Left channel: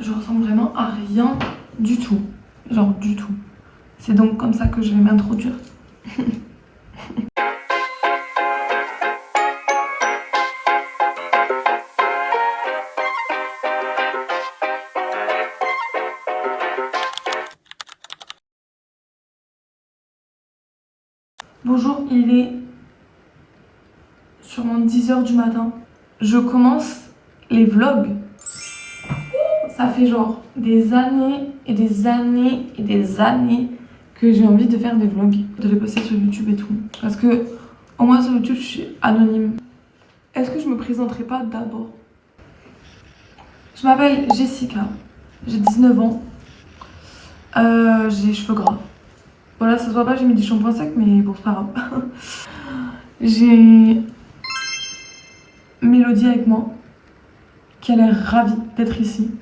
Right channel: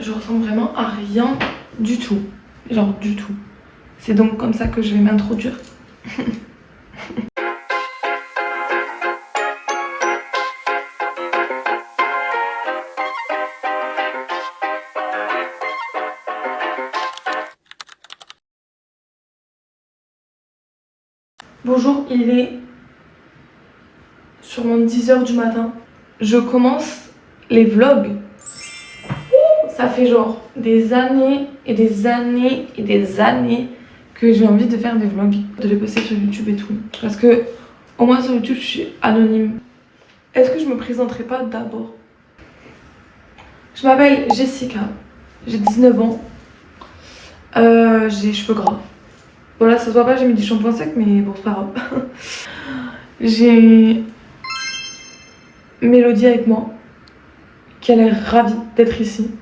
Je ressemble vraiment à rien du tout. Genre du tout. C'est donc comme ça que je vais m'introduire. Bonjour, il est sûrement 10h du matin. Je commence les vlogs. Ça fait genre des années et des années et des années que j'ai envie de faire des vlogs, de les poster sur YouTube et tout. Parce que au moins sur YouTube je suis anonyme. Est-ce que je me présenterai pas d'abord? Je m'appelle Jessica, j'ai 19 ans, j'ai les cheveux gras. Voilà, ça se voit pas, j'ai mis du shampoing sec, mais bon, c'est pas grave. J'ai Mélodie avec moi, qui a l'air ravie d'être ici,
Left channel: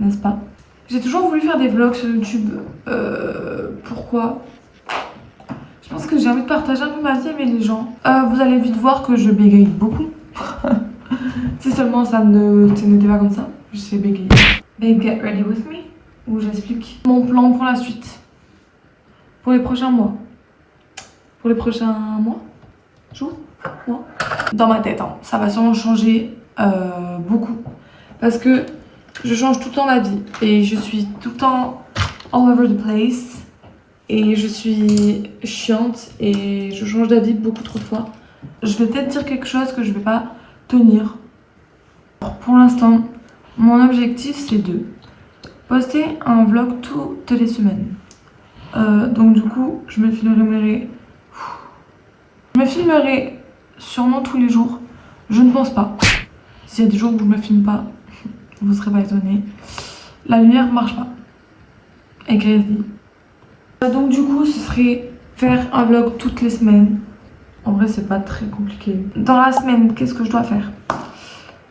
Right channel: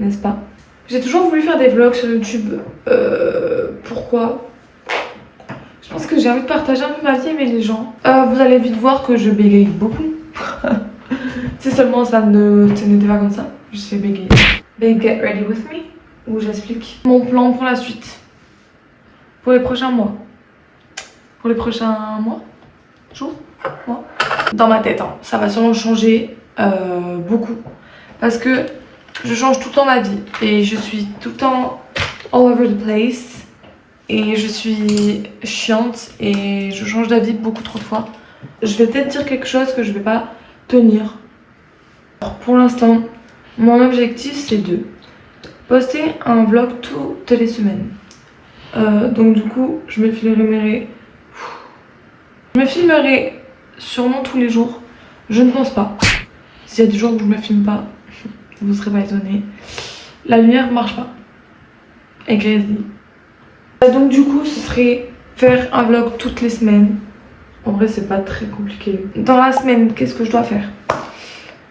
n'est-ce pas? J'ai toujours voulu faire des vlogs sur YouTube. Pourquoi? Je pense que j'ai envie de partager un peu ma vie avec les gens. Vous allez vite voir que je bégaye beaucoup. Si seulement ça n'était pas comme ça, je sais bégayer. Then get ready with me, où j'explique mon plan pour la suite. Pour les prochains mois. Pour les prochains mois? Jours? Mois? Dans ma tête, hein. Ça va sûrement changer beaucoup. Parce que je change tout le temps ma vie. Et je suis tout le temps all over the place. Et je suis chiante. Et je change d'avis beaucoup trop de fois. Je vais peut-être dire quelque chose que je vais pas tenir. Alors pour l'instant, mon objectif c'est de poster un vlog toutes les semaines. Donc du coup, je me filmerai sûrement tous les jours. Je ne pense pas. S'il y a des jours où je me filme pas, vous serez pas étonnés. La lumière marche pas. Et grisly. Donc du coup, ce serait faire un vlog toutes les semaines. En vrai, c'est pas très compliqué. Dans la semaine, qu'est-ce que je dois faire?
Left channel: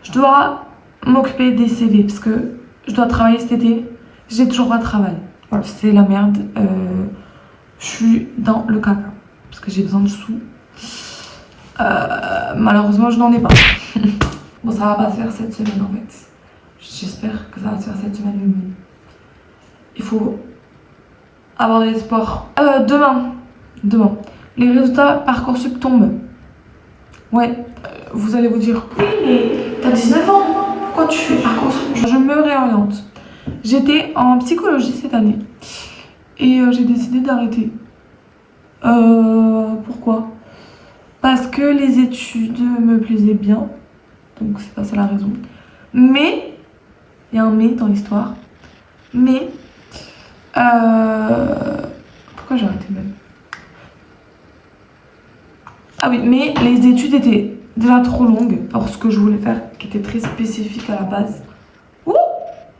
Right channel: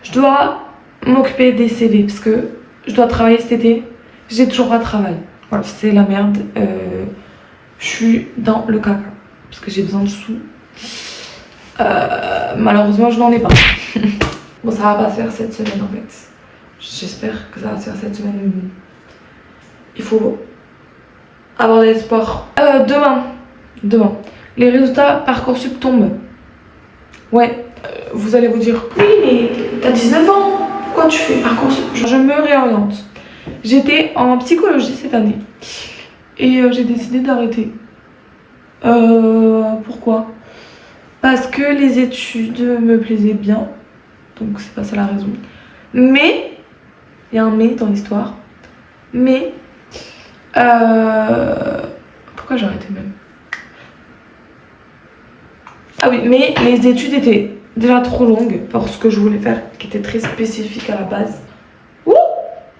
Je dois m'occuper des CV parce que je dois travailler cet été. J'ai toujours pas de travail. Voilà, c'est la merde. Je suis dans le caca parce que j'ai besoin de sous. Malheureusement, je n'en ai pas. Bon, ça va pas se faire cette semaine en fait. J'espère que ça va se faire cette semaine. Il faut avoir de l'espoir. Demain, les résultats Parcoursup tombent. Ouais, vous allez vous dire, oui, mais t'as 19 ans, pourquoi tu fais Parcoursup? Je me réoriente. J'étais en psychologie cette année et j'ai décidé d'arrêter. Pourquoi? Parce que les études me plaisaient bien, donc c'est pas ça la raison. Mais, il y a un mais dans l'histoire, mais, pourquoi j'ai arrêté même? Ah oui, mais les études étaient déjà trop longues pour ce que je voulais faire, qui était très spécifique à la base. Ouh,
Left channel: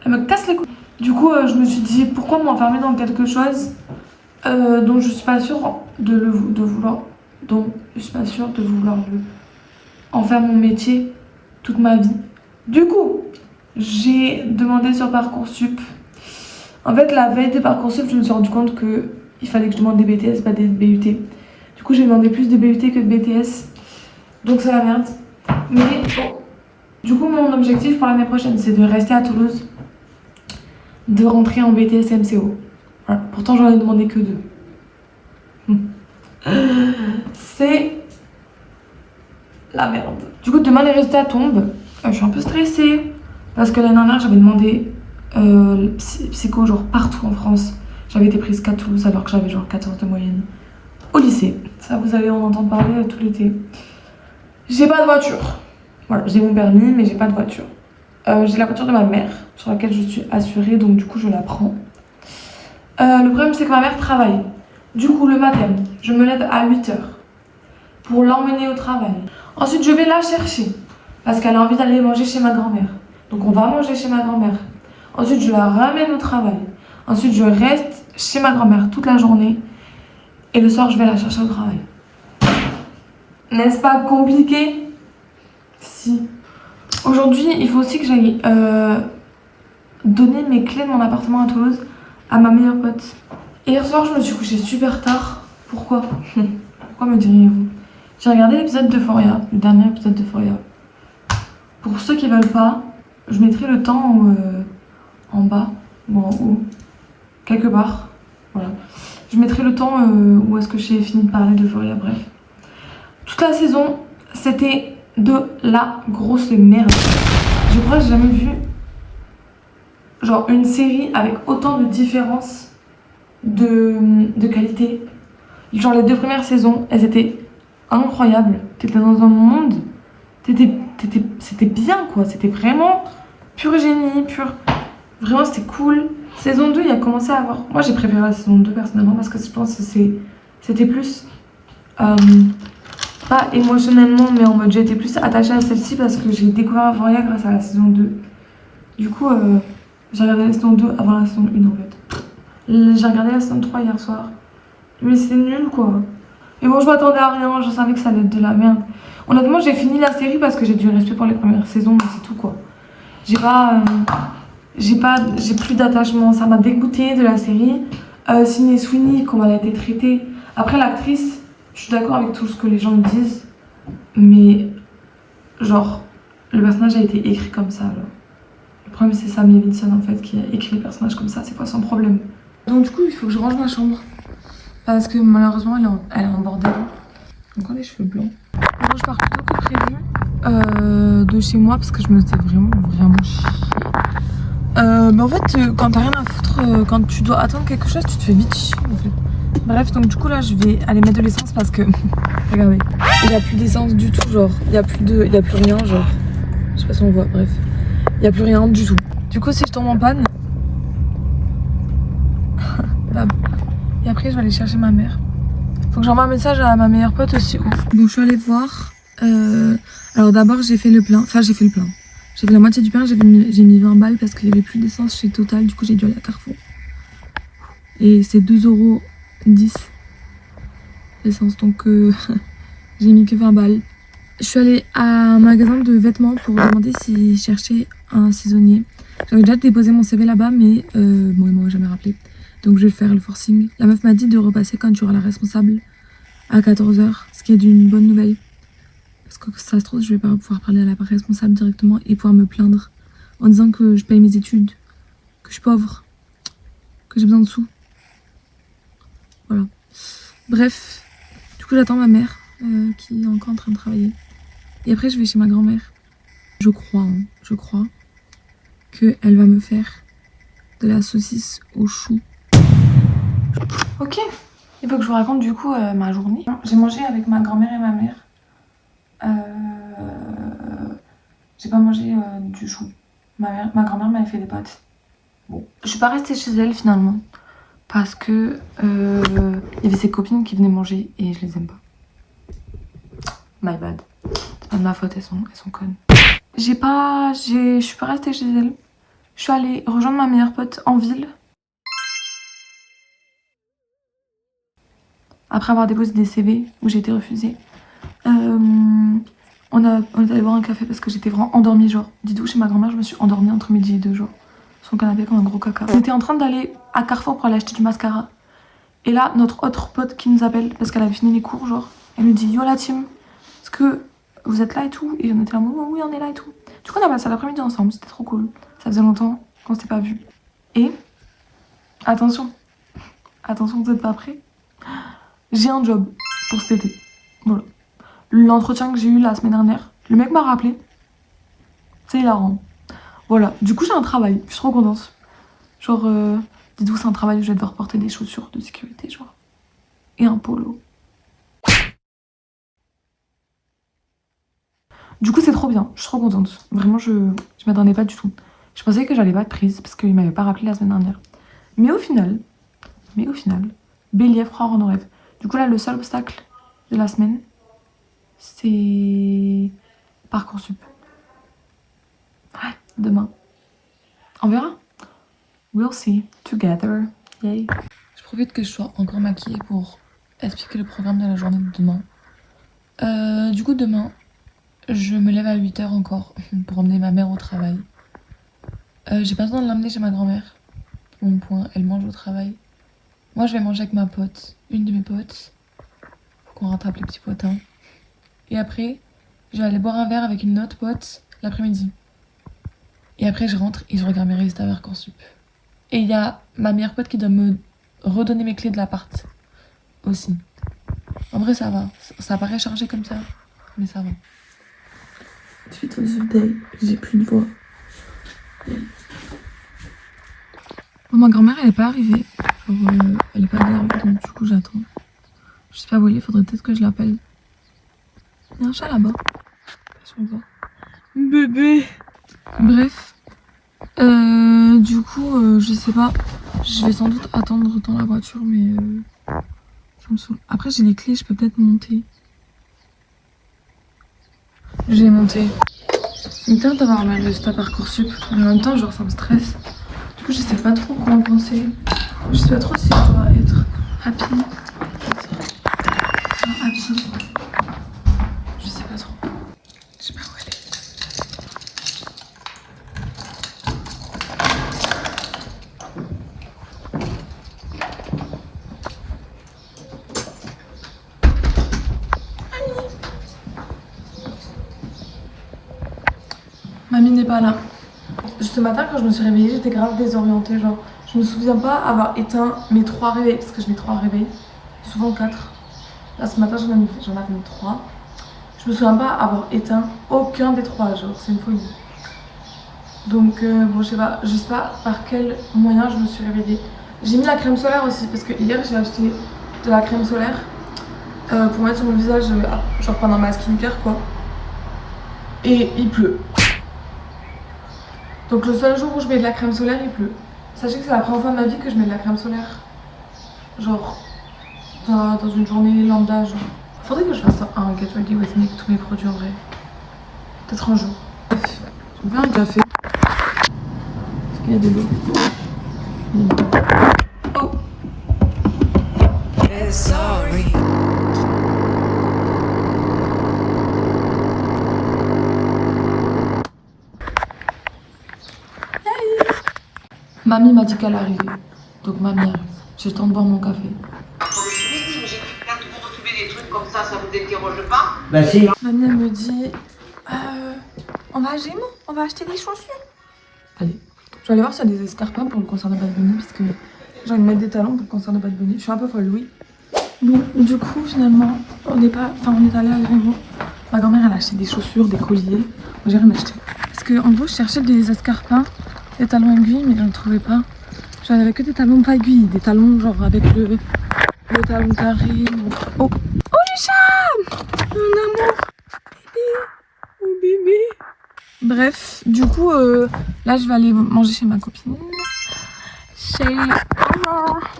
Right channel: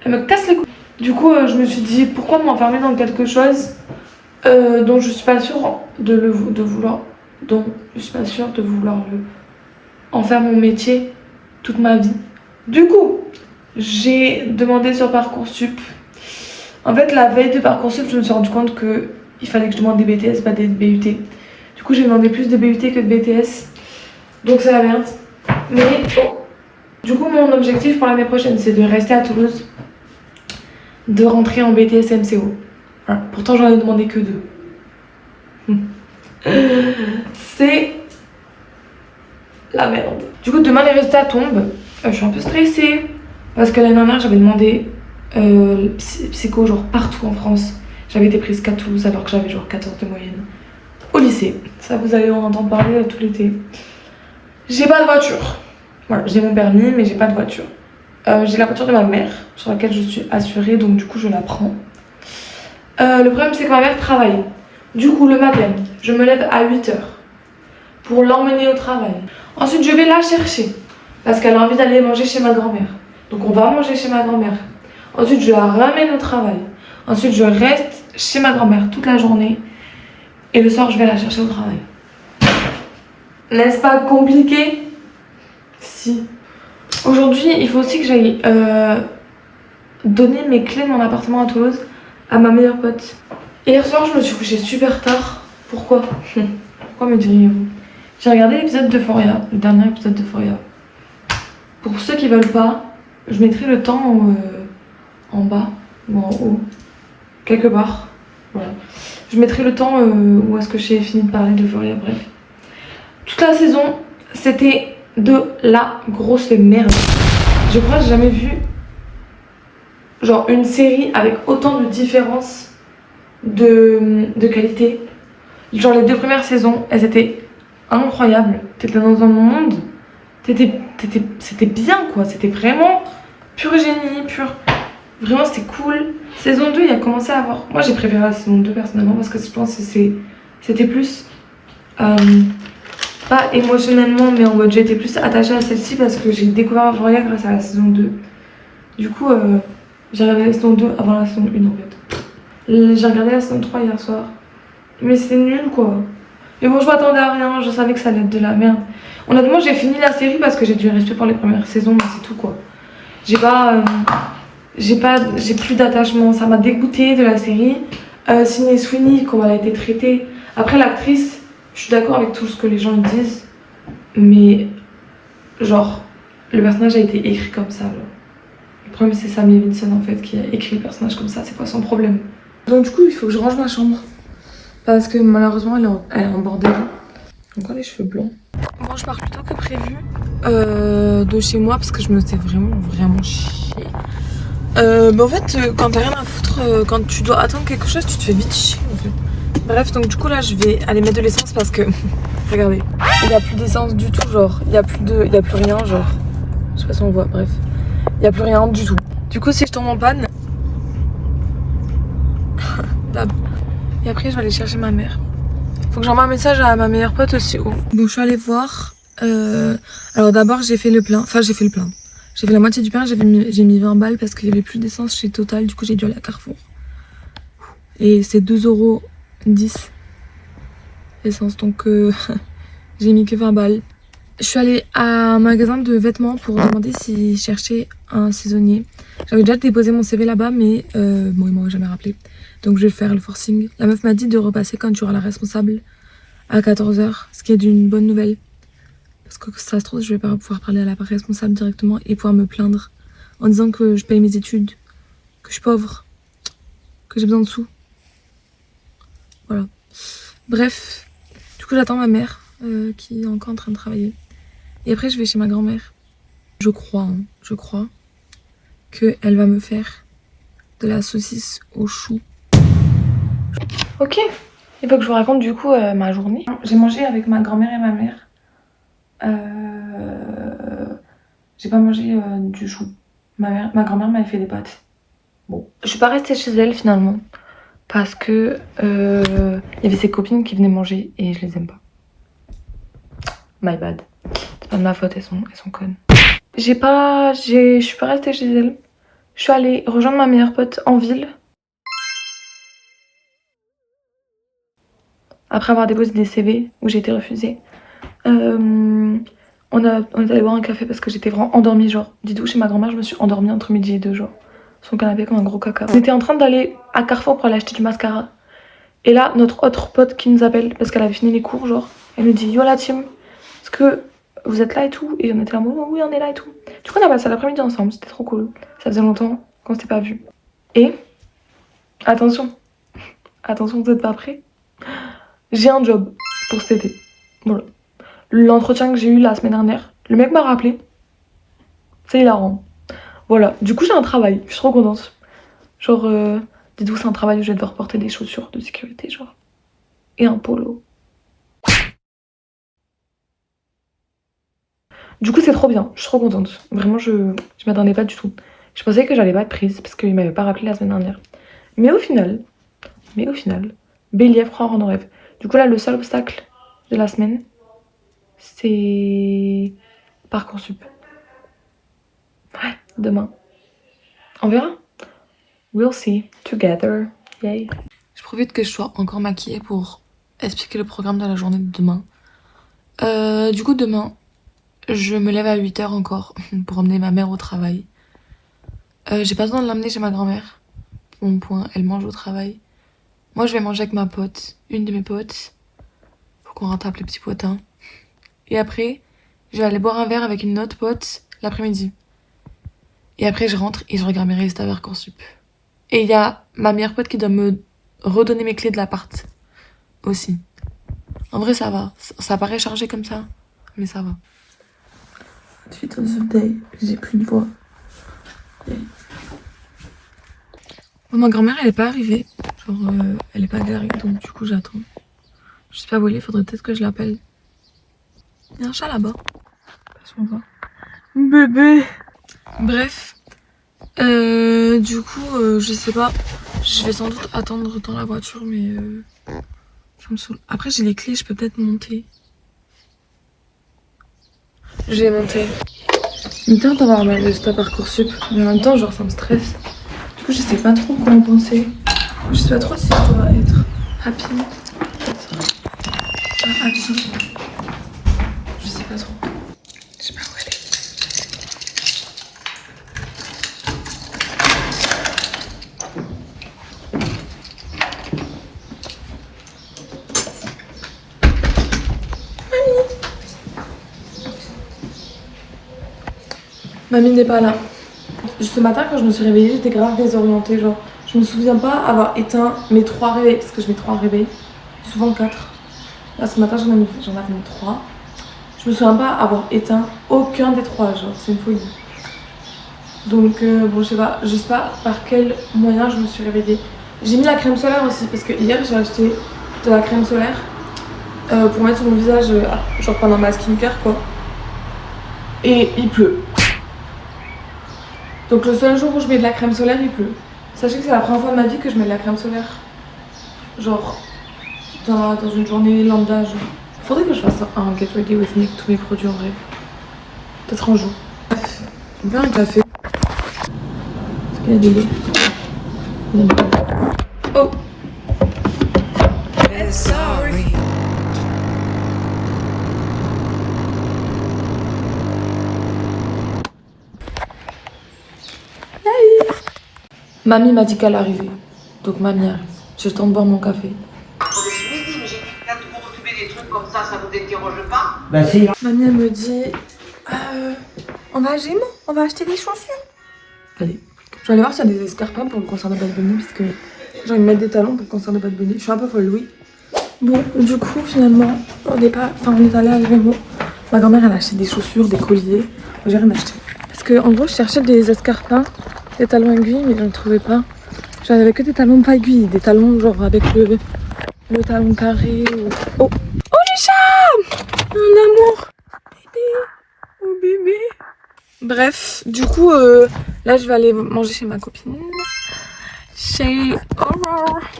elle me casse les couilles. Du coup, je me suis dit, pourquoi m'enfermer dans quelque chose dont je suis pas sûre de vouloir en faire mon métier toute ma vie. Du coup, j'ai demandé sur Parcoursup. En fait, la veille de Parcoursup, je me suis rendu compte que il fallait que je demande des BTS, pas des BUT. Du coup, j'ai demandé plus de BUT que de BTS. Donc c'est la merde. Mais bon. Du coup, mon objectif pour l'année prochaine, c'est de rester à Toulouse, de rentrer en BTS MCO. Voilà. Pourtant, j'en ai demandé que 2. C'est la merde. Du coup, demain, les résultats tombent. Je suis un peu stressée. Parce que l'année dernière, j'avais demandé psycho, genre partout en France. J'avais été prise qu'à Toulouse alors que j'avais genre 14 de moyenne. Au lycée. Ça, vous allez en entendre parler tout l'été. J'ai pas de voiture. Voilà, j'ai mon permis, mais j'ai pas de voiture. J'ai la voiture de ma mère, sur laquelle je suis assurée, donc du coup, je la prends. Le problème, c'est que ma mère travaille. Du coup, le matin, je me lève à 8h pour l'emmener au travail. Ensuite, je vais la chercher parce qu'elle a envie d'aller manger chez ma grand-mère. Donc, on va manger chez ma grand-mère. Ensuite, je la ramène au travail. Ensuite, je reste chez ma grand-mère toute la journée. Et le soir, je vais la chercher au travail. N'est-ce pas compliqué? Si. Aujourd'hui, il faut aussi que j'aille donner mes clés de mon appartement à Toulouse à ma meilleure pote. Hier soir, je me suis couchée super tard. Pourquoi? Pourquoi me diriez-vous? J'ai regardé l'épisode d'Euphoria, le dernier épisode d'Euphoria. Pour ceux qui veulent pas, je mettrai le temps en bas ou en haut, quelque part. Voilà. Je mettrai le temps où est-ce que j'ai fini de parler de Euphoria, bref. Toute la saison, c'était de la grosse merde. Je crois que j'ai jamais vu genre une série avec autant de différences de qualité. Genre les 2 premières saisons, elles étaient incroyables. T'étais dans un monde, c'était bien quoi. C'était vraiment pur génie, pur. Vraiment c'était cool. Saison 2, il a commencé à avoir. Moi j'ai préféré la saison 2 personnellement parce que je pense que c'était plus. Pas émotionnellement, mais en mode j'étais plus attachée à celle-ci parce que j'ai découvert Euphoria grâce à la saison 2. Du coup, j'ai regardé la saison 2 avant la saison 1 en fait. J'ai regardé la saison 3 hier soir. Mais c'est nul quoi. Mais bon, je m'attendais à rien, je savais que ça allait être de la merde. Honnêtement, j'ai fini la série parce que j'ai du respect pour les premières saisons, mais c'est tout quoi. J'ai plus d'attachement. Ça m'a dégoûté de la série. Sydney Sweeney, comment elle a été traitée. Après, l'actrice, je suis d'accord avec tout ce que les gens disent, mais genre, le personnage a été écrit comme ça. Genre. Le problème, c'est Sam Levinson en fait qui a écrit le personnage comme ça, c'est pas son problème. Donc, du coup, il faut que je range ma chambre parce que malheureusement, elle est en bordel. J'ai encore les cheveux blancs. Moi, je pars plus tôt que prévu de chez moi parce que je me faisais vraiment chier. Bah en fait, quand t'as rien à foutre, quand tu dois attendre quelque chose, tu te fais vite chier en fait. Bref, donc du coup là je vais aller mettre de l'essence parce que regardez, il n'y a plus d'essence du tout, genre il n'y a plus rien, genre je sais pas si on voit, bref, il n'y a plus rien du tout. Du coup si je tombe en panne, là. Et après je vais aller chercher ma mère. Faut que j'envoie un message à ma meilleure pote aussi. Oh. Bon, je suis allée voir. Alors d'abord j'ai fait le plein, j'ai fait la moitié du plein, j'ai mis 20 balles parce qu'il n'y avait plus d'essence chez Total, du coup j'ai dû aller à Carrefour. Et c'est 2,10 € l'essence, donc j'ai mis que 20 balles. Je suis allée à un magasin de vêtements pour demander s'ils cherchaient un saisonnier. J'avais déjà déposé mon CV là-bas, mais bon, ils m'ont jamais rappelé. Donc je vais faire le forcing. La meuf m'a dit de repasser quand tu auras la responsable à 14 h, ce qui est d'une bonne nouvelle. Parce que ça se trouve, je vais pas pouvoir parler à la responsable directement et pouvoir me plaindre en disant que je paye mes études, que je suis pauvre, que j'ai besoin de sous. Voilà. Bref, du coup j'attends ma mère qui est encore en train de travailler. Et après je vais chez ma grand-mère. Je crois qu'elle va me faire de la saucisse au chou. Ok, il faut que je vous raconte du coup ma journée. J'ai mangé avec ma grand-mère et ma mère. J'ai pas mangé du chou. Ma grand-mère m'avait fait des pâtes. Bon, je suis pas restée chez elle finalement. Parce que y avait ses copines qui venaient manger et je les aime pas. My bad. C'est pas de ma faute, elles sont connes. Je suis pas restée chez elle. Je suis allée rejoindre ma meilleure pote en ville. Après avoir déposé des CV où j'ai été refusée. On est allé boire un café parce que j'étais vraiment endormie, genre. Dites-vous, chez ma grand-mère, je me suis endormie entre midi et 2, genre. Sur son canapé comme un gros caca. On était en train d'aller à Carrefour pour aller acheter du mascara. Et là, notre autre pote qui nous appelle parce qu'elle avait fini les cours, genre. Elle nous dit: yo la team, est-ce que vous êtes là et tout? Et on était là, oui, on est là et tout. Du coup, on a passé l'après-midi ensemble, c'était trop cool. Ça faisait longtemps qu'on s'était pas vus. Et attention, vous êtes pas prêts? J'ai un job pour cet été. Voilà. L'entretien que j'ai eu la semaine dernière, le mec m'a rappelé. C'est hilarant. Voilà, du coup j'ai un travail, je suis trop contente. Genre, dites-vous, c'est un travail où je vais devoir porter des chaussures de sécurité, genre. Et un polo. Du coup c'est trop bien, je suis trop contente. Vraiment, je m'attendais pas du tout. Je pensais que j'allais pas être prise parce qu'il m'avait pas rappelé la semaine dernière. Mais au final, bélier, croire en nos rêves. Du coup là, le seul obstacle de la semaine, c'est Parcoursup. Ouais, demain. On verra. We'll see. Together. Yay. Je profite que je sois encore maquillée pour expliquer le programme de la journée de demain. Du coup, demain, je me lève à 8 h encore pour emmener ma mère au travail. J'ai pas besoin de l'emmener chez ma grand-mère. Mon point, elle mange au travail. Moi, je vais manger avec ma pote, une de mes potes. Faut qu'on rattrape les petits potins. Et après, je vais aller boire un verre avec une autre pote l'après-midi. Et après, je rentre et je regarde mes résultats Parcoursup. Et il y a ma meilleure pote qui doit me redonner mes clés de l'appart aussi. En vrai, ça va. Ça paraît chargé comme ça, mais ça va. Suite aux updates, j'ai plus de voix. Bon, ma grand-mère, elle est pas arrivée. Genre, elle est pas garée, donc du coup, j'attends. Je sais pas où elle est, faudrait peut-être que je l'appelle. Il y a un chat là-bas. Passons voir. Bébé. Bref. Du coup, je sais pas. Je vais sans doute attendre dans la voiture, mais je me saoule. Après, j'ai les clés, je peux peut-être monter. Je vais monter. Il me tente d'avoir mes résultats Parcoursup, mais en même temps, genre, ça me stresse. Du coup, je sais pas trop quoi en penser. Je sais pas trop si je dois être happy. Pas happy. Je sais pas trop. Je sais pas où elle est. Mamie n'est pas là. Ce matin, quand je me suis réveillée, j'étais grave désorientée. Genre, je me souviens pas avoir éteint mes 3 réveils, parce que je mets 3 réveils, souvent 4. Là, ce matin, j'en avais mis 3. Je me souviens pas avoir éteint aucun des 3. Genre, c'est une folie. Donc, bon, je sais pas par quel moyen je me suis réveillée. J'ai mis la crème solaire aussi, parce que hier, j'ai acheté de la crème solaire pour mettre sur mon visage, genre pendant ma skincare, quoi. Et il pleut. Donc le seul jour où je mets de la crème solaire, il pleut. Sachez que c'est la première fois de ma vie que je mets de la crème solaire. Genre, dans une journée lambda, genre. Faudrait que je fasse un Get Ready With Me avec tous mes produits en vrai. Peut-être un jour. Bref, je vais un café. Est-ce qu'il y a de l'eau? Non. Oh! Sorry. Mamie m'a dit qu'elle arrivait. Donc mamie arrive. J'ai le temps de boire mon café. Quand vous retrouvez des trucs comme ça vous dérange pas? Bah si. Mamie elle me dit on va à Gémeaux, on va acheter des chaussures. Allez, je vais aller voir s'il y a des escarpins pour le concert de Bad Bunny parce que j'ai envie de mettre des talons pour le concert de Bad Bunny. Je suis un peu folle, oui. Bon, du coup finalement, on est allé à Gémeaux. Ma grand-mère elle a acheté des chaussures, des colliers. J'ai rien acheté. Parce que en gros je cherchais des escarpins, des talons aiguilles, mais je ne trouvais pas. J'avais que des talons pas aiguilles, des talons genre avec le talon carré. Oh, les chats! Un amour! Bébé! Oh bébé! Bref, du coup, là je vais aller manger chez ma copine.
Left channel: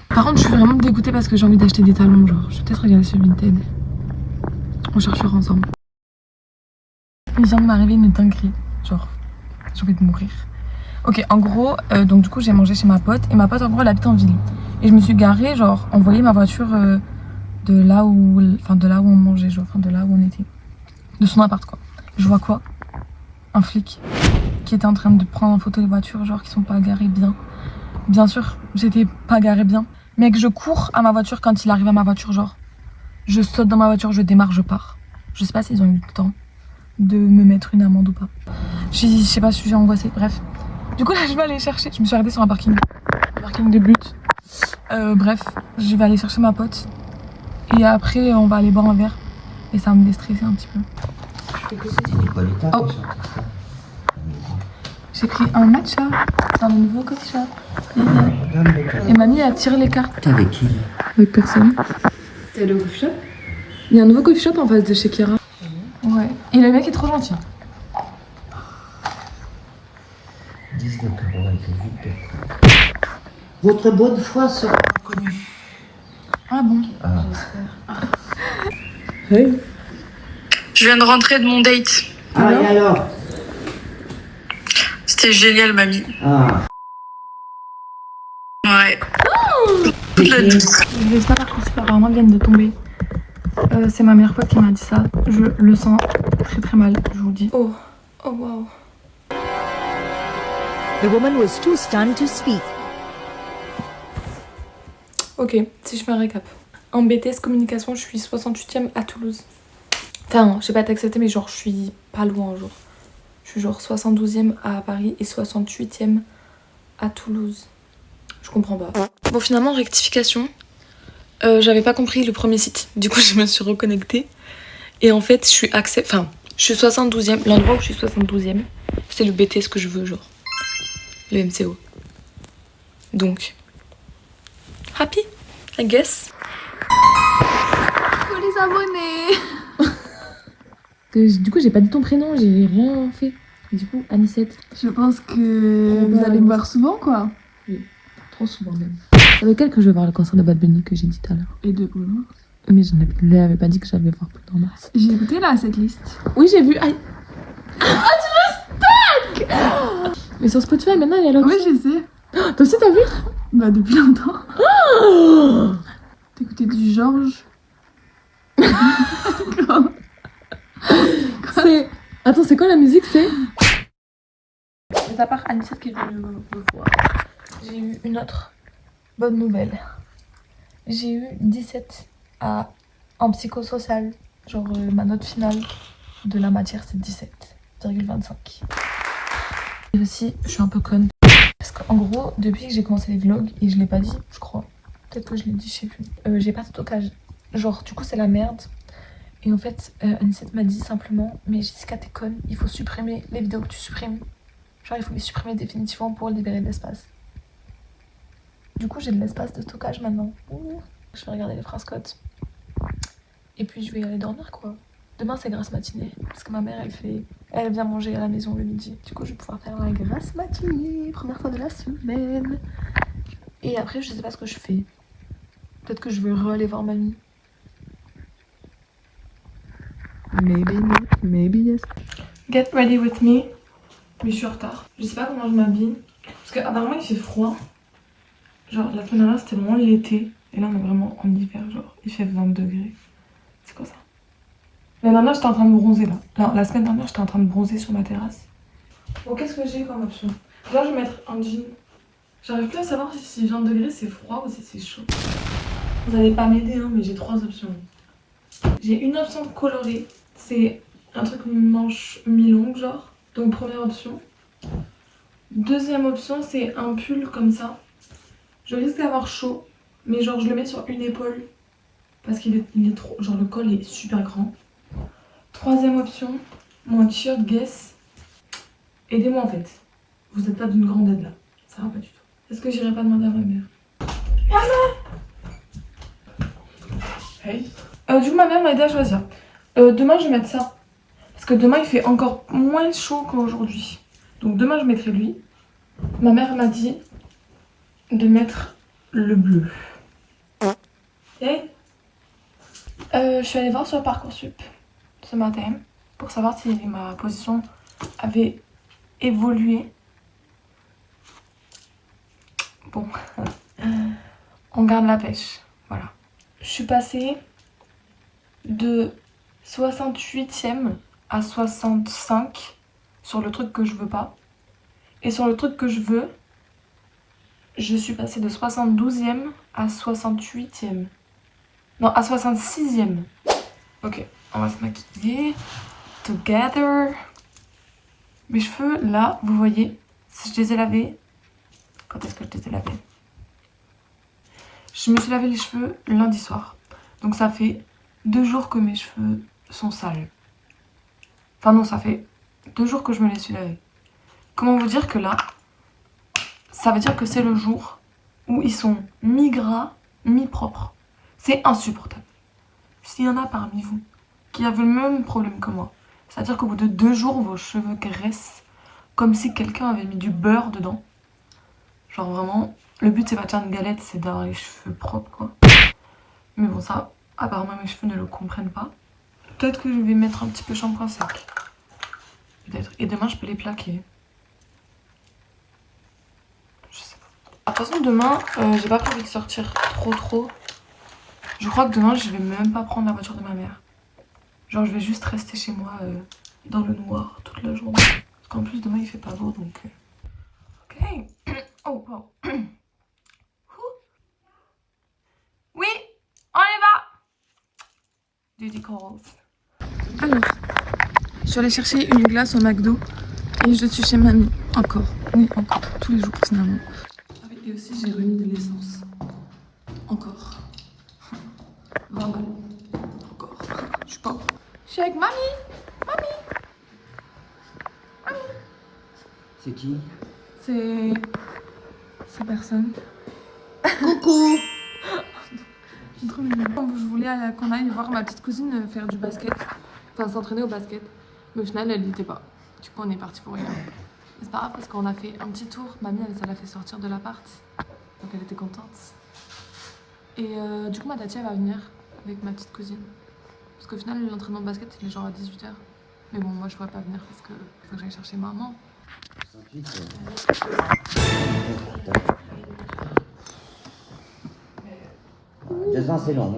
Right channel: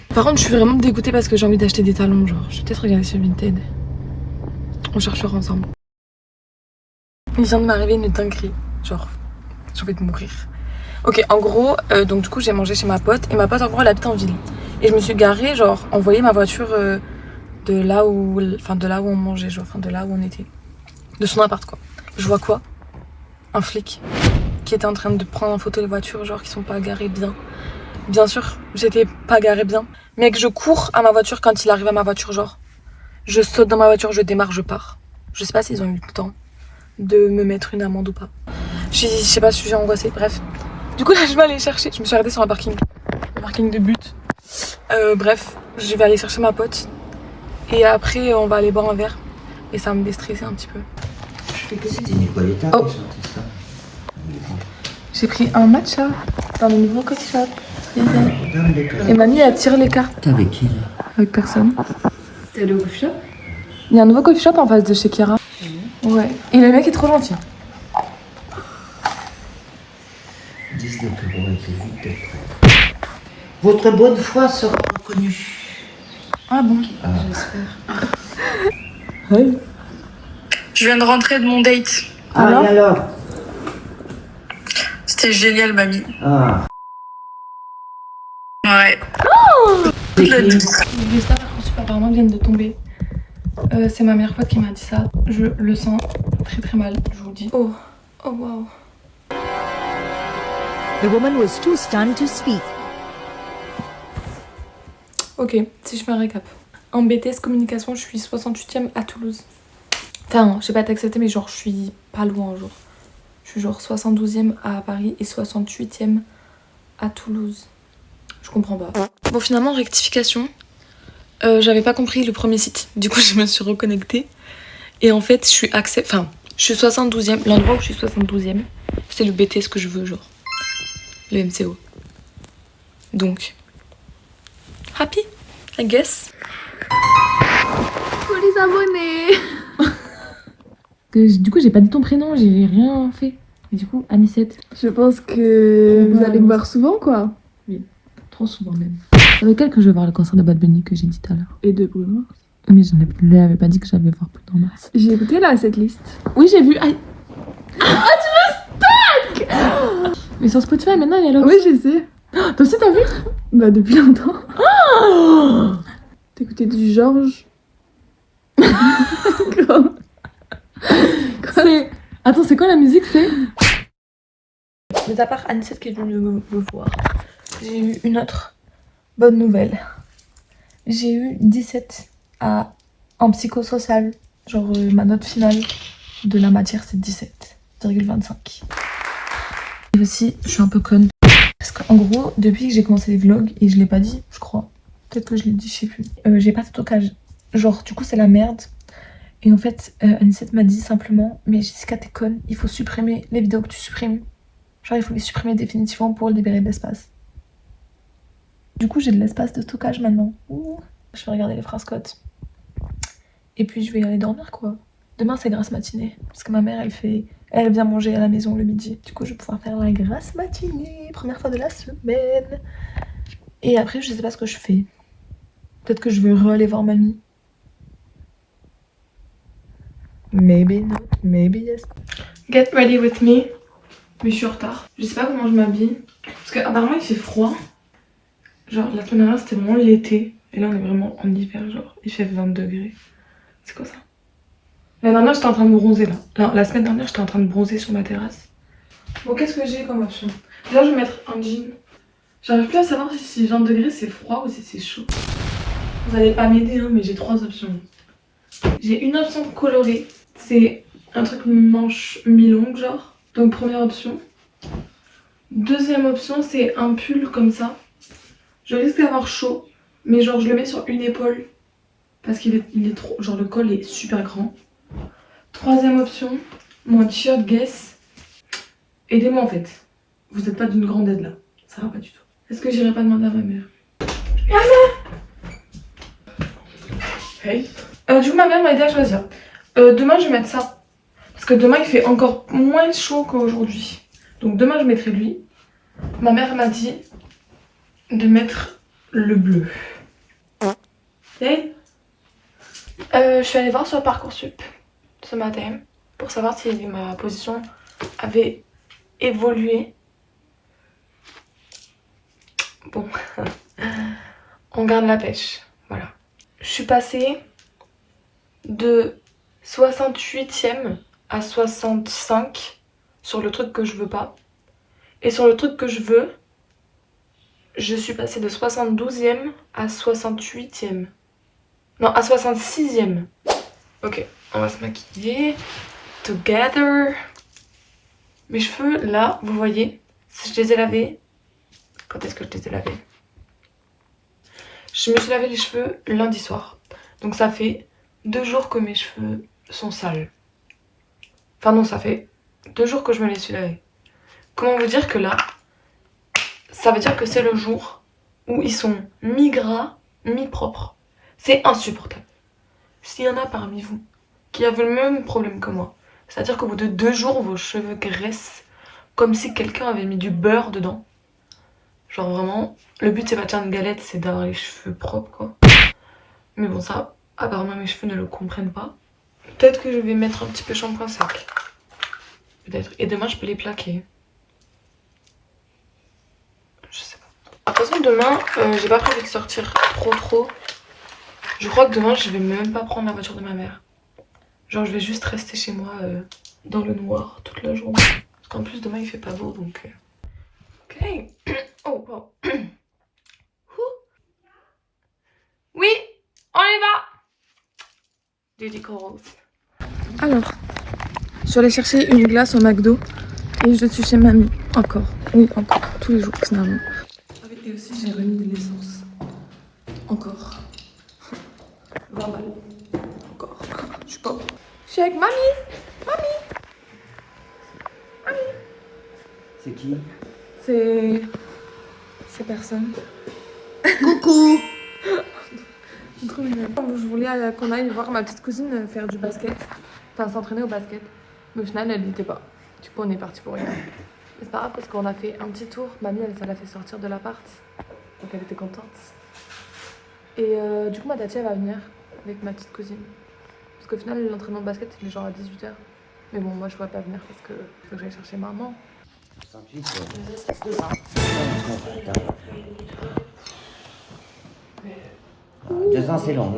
Par contre, je suis vraiment dégoûtée parce que j'ai envie d'acheter des talons. Genre, je vais peut-être regarder sur Vinted. On cherchera ensemble. Il vient de m'arriver une dinguerie. Genre, j'ai envie de mourir. Ok, en gros, donc du coup, j'ai mangé chez ma pote. Et ma pote, en gros, elle habite en ville. Et je me suis garée, genre, envoyer ma voiture de là où on mangeait, genre, enfin de là où on était. De son appart, quoi. Je vois quoi? Un flic qui était en train de prendre en photo les voitures, genre, qui sont pas garées bien. Bien sûr, j'étais pas garée bien. Mec, je cours à ma voiture quand il arrive à ma voiture, genre. Je saute dans ma voiture, je démarre, je pars. Je sais pas s'ils ont eu le temps de me mettre une amende ou pas. Je sais pas, je suis angoissée. Bref. Du coup, là, je vais aller chercher. Je me suis arrêtée sur un parking de but. Bref, je vais aller chercher ma pote. Et après, on va aller boire un verre. Et ça va me déstresser un petit peu. C'était Nicoletta Oh. J'ai pris un matcha dans le nouveau coffee shop. Et mamie, elle tire les cartes. T'es avec qui là? Avec personne. T'es allé au coffee shop? Il y a un nouveau coffee shop en face de chez Kira. Ouais. Et le mec est trop gentil. 10 de plus bon et vite d'être. Votre bonne foi sera reconnue. Ah bon? Ah. Oui. Je viens de rentrer de mon date. Ah, et alors? C'était génial, mamie. Ah. Ouais. C'est qui? Les résultats Parcoursup apparemment viennent de tomber. C'est ma meilleure pote qui m'a dit ça. Je le sens très très mal, je vous le dis. Oh, oh wow. The woman was too stunned to speak. Ok, si je fais un récap. En BTS communication, je suis 68e à Toulouse. Enfin, je sais pas t'accepter, mais genre je suis pas loin, genre. Je suis genre 72e à Paris et 68e à Toulouse. Je comprends pas. Bon, finalement, rectification. J'avais pas compris le premier site. Du coup, je me suis reconnectée. Et en fait, je suis 72e. L'endroit où je suis 72e, c'est le BTS que je veux, genre. Le MCO. Donc, happy, I guess. Pour les abonnés. Du coup, j'ai pas dit ton prénom, j'ai rien fait. Et du coup, Anicette. Je pense que vous allez me voir souvent, quoi. Trop souvent même. C'est lequel que je vais voir le concert de Bad Bunny que j'ai dit tout à l'heure? Et de Bruno. Mais je ne l'avais pas dit que j'allais voir plus dans mars. J'ai écouté là cette liste. Oui, j'ai vu. Ah, tu me stalk! Mais sur Spotify, maintenant, elle est là. Oui, je sais. Toi aussi, t'as vu? Bah, depuis longtemps. T'écoutais du Georges. Quoi? Attends, c'est quoi la musique? C'est. Mais à part Anicette qui est venue me voir, j'ai eu une autre bonne nouvelle. J'ai eu 17 en psychosocial. Genre, ma note finale de la matière, c'est 17,25. Et aussi, je suis un peu conne. Parce qu'en gros, depuis que j'ai commencé les vlogs, et je l'ai pas dit, je crois. Peut-être que je l'ai dit, je sais plus. J'ai pas de stockage. Genre, du coup, c'est la merde. Et en fait, Anicette m'a dit simplement, mais Jessica, t'es conne, il faut supprimer les vidéos que tu supprimes. Genre, il faut les supprimer définitivement pour libérer de l'espace. Du coup, j'ai de l'espace de stockage maintenant. Ouh. Je vais regarder les phrases cotes. Et puis, je vais aller dormir, quoi. Demain, c'est grasse matinée. Parce que ma mère, elle vient manger à la maison le midi. Du coup, je vais pouvoir faire la grasse matinée. Première fois de la semaine. Et après, je sais pas ce que je fais. Peut-être que je vais aller voir mamie. Maybe not, maybe yes. Get ready with me. Mais je suis en retard. Je sais pas comment je m'habille. Parce qu'apparemment il fait froid. Genre la semaine dernière c'était vraiment l'été. Et là on est vraiment en hiver, genre il fait 20 degrés. C'est quoi ça? La dernière j'étais en train de bronzer là. Non, la semaine dernière j'étais en train de bronzer sur ma terrasse. Bon, qu'est-ce que j'ai comme option? Là je vais mettre un jean. J'arrive plus à savoir si 20 degrés c'est froid ou si c'est chaud. Vous allez pas m'aider hein, mais j'ai 3 options. J'ai une option colorée. C'est un truc manche mi-longue genre. Donc première option. Deuxième option c'est un pull comme ça. Je risque d'avoir chaud. Mais genre je le mets sur une épaule. Parce qu'il est trop... Genre le col est super grand. Troisième option. Mon t-shirt Guess. Aidez-moi en fait. Vous n'êtes pas d'une grande aide là. Ça va pas du tout. Est-ce que j'irai pas demander à ma mère? Hey. Du coup ma mère m'a aidé à choisir. Demain je vais mettre ça. Parce que demain il fait encore moins chaud qu'aujourd'hui. Donc demain je mettrai lui. Ma mère m'a dit de mettre le bleu. Hey. Je suis allée voir sur Parcoursup ce matin pour savoir si ma position avait évolué. Bon, on garde la pêche. Voilà. Je suis passée de 68e à 65 sur le truc que je veux pas. Et sur le truc que je veux, je suis passée de 72e à 68e. Non, à 66e. Ok, on va se maquiller. Together. Mes cheveux, là, vous voyez, si je les ai lavés. Quand est-ce que je les ai lavés? Je me suis lavé les cheveux lundi soir. Donc ça fait 2 jours que mes cheveux sont sales. Enfin non, ça fait 2 jours que je me les suis lavés. Comment vous dire que là, ça veut dire que c'est le jour où ils sont mi-gras, mi-propres. C'est insupportable. S'il y en a parmi vous qui avez le même problème que moi, c'est-à-dire qu'au bout de 2 jours, vos cheveux graissent comme si quelqu'un avait mis du beurre dedans. Genre vraiment, le but c'est pas de faire une galette, c'est d'avoir les cheveux propres quoi. Mais bon ça, apparemment mes cheveux ne le comprennent pas. Peut-être que je vais mettre un petit peu shampoing sec. Peut-être. Et demain je peux les plaquer. Je sais pas. De toute façon demain, j'ai pas prévu de sortir trop. Je crois que demain je vais même pas prendre la voiture de ma mère. Genre je vais juste rester chez moi dans le noir toute la journée. Parce qu'en plus demain il fait pas beau donc... Ok. Oh wow. Oui, on y va. Diddy calls. Alors, je suis allée chercher une glace au McDo. Oui, je suis chez mamie. Encore. Oui, encore. Tous les jours, finalement. Et aussi, j'ai remis de l'essence. Encore. 20 balles. Encore. Je suis pas. Je suis avec mamie. C'est qui? C'est personne. Coucou. C'est trop mignon. Je voulais qu'on aille voir ma petite cousine faire du basket. Enfin, s'entraîner au basket. Mais au final, elle n'y était pas. Du coup, on est parti pour rien. Mais c'est pas grave parce qu'on a fait un petit tour. Mamie, ça l'a fait sortir de l'appart. Donc elle était contente. Et du coup, ma tati, elle va venir avec ma petite cousine. Parce qu'au final, l'entraînement de basket, il est genre à 18h. Mais bon, moi, je pourrais pas venir parce que faut que j'aille chercher maman. Deux ans, c'est long.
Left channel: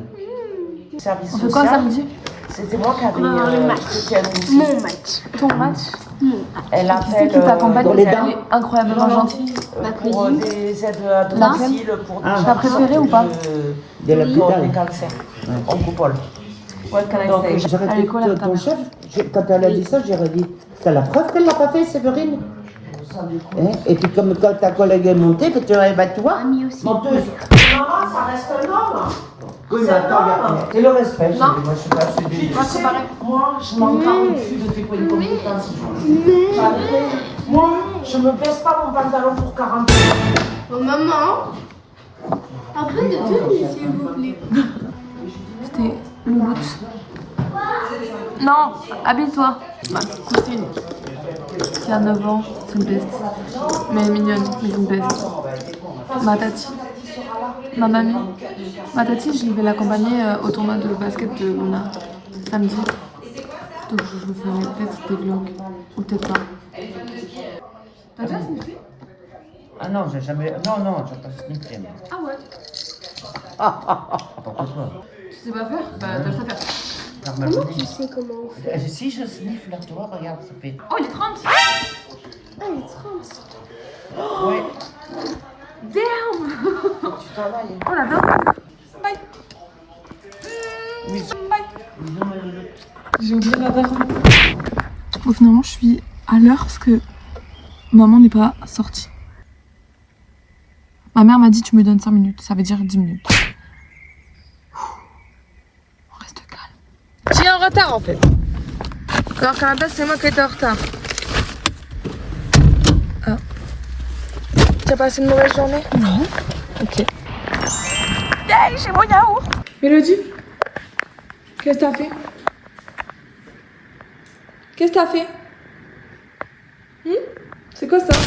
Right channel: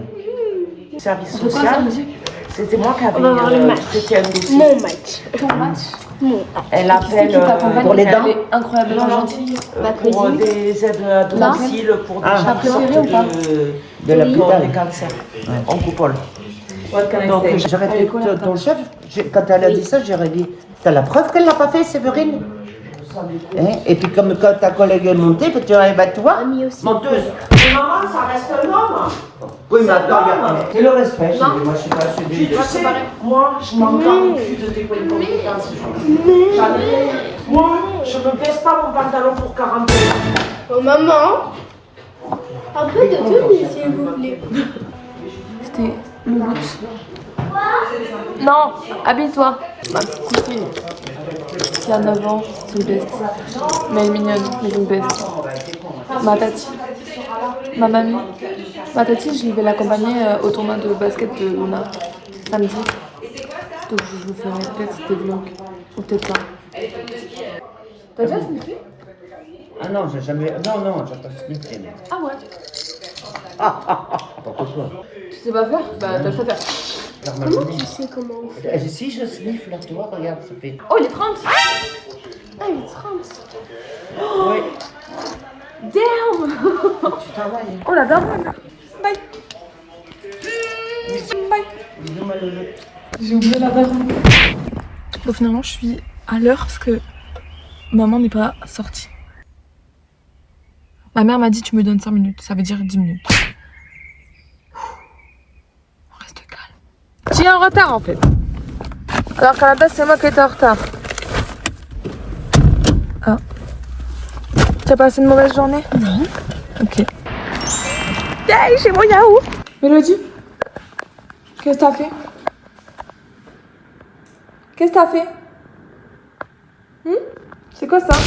Service On fait quoi social. samedi? C'était moi qui avais. On va voir le match. c'était un dossier. Mon match. Ton match? Elle appelle Qui t'accompagne pour les parce qu'elle dents. est incroyablement gentille. Ma Pour cousine. des aides à domicile, pour des T'as préféré ou pas? de la pour des cancers. En coupole. What can I Donc, say? j'aurais Elle est dit, quoi la ton chef, quand elle a dit ça, j'aurais dit, t'as la preuve qu'elle l'a pas fait, Séverine? Hein? Et puis comme quand ta collègue est montée, que tu arrives à toi, Mamie aussi. menteuse. Maman, ça reste un homme. Oui, mais attends, c'est le respect. Moi, je suis pas celui de... Moi, je m'en garde plus de tes coins de compétences. Jamais. Moi, je ne baisse pas mon pantalon pour 40 euros. Oh maman. Un peu de tenue s'il vous plaît. C'était Louloute. Non, habille-toi. Ma petite cousine qui a 9 ans, c'est une best. Mais elle est mignonne, mais c'est une best. Ma tati, ma mamie. Ma tati, je vais l'accompagner au tournoi de basket de Luna samedi. Donc je vous ferai peut-être des vlogs, ou peut-être pas. T'as déjà sniffé? Ah non, j'ai jamais... Non, j'ai pas sniffé. Ah ouais. N'importe quoi. Tu sais pas faire? Bah t'as ça faire. Faire ma journée. Si je sniffe là, tu vois, regarde, ça fait... Oh, il est 30. Ah, il est 30. Ouais, Damn. tu travailles. Oh la dame. Bye. Bye. Bisous, ma loulou. J'ai oublié la date. Bon, finalement, je suis à l'heure parce que maman n'est pas sortie. Ma mère m'a dit tu me donnes 5 minutes, ça veut dire 10 minutes. On reste calme. J'ai un retard en fait. Alors qu'à la base, c'est moi qui étais en retard. Ah. Tu as passé une mauvaise journée? Non. Ok. Hey, j'ai mon yaourt. Mélodie, qu'est-ce que t'as fait? Qu'est-ce que t'as fait? C'est quoi ça?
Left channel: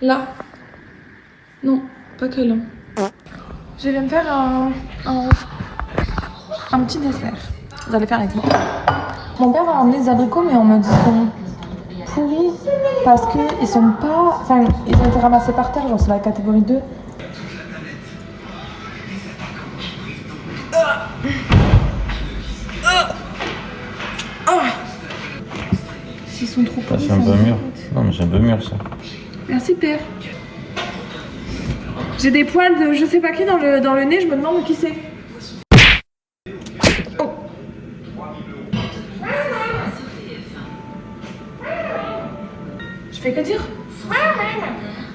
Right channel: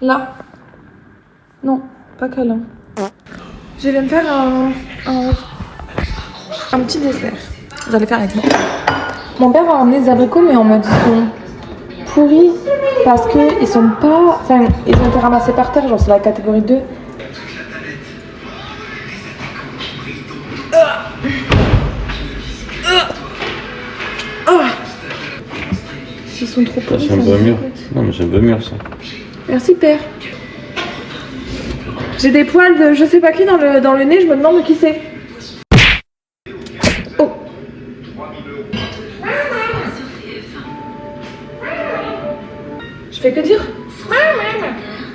Là. Non, pas câlin. Je viens de faire un petit dessert. Vous allez faire avec moi. Mon père a amené des abricots, mais on m'a dit qu'ils sont pourris parce qu'ils sont pas. Enfin, ils ont été ramassés par terre, genre c'est la catégorie 2. S'ils sont trop pourris, C'est un peu mûr. Non, mais c'est un peu mûr ça. Merci père. J'ai des poils de je sais pas qui dans le nez, je me demande qui c'est. Oh. Je fais que dire.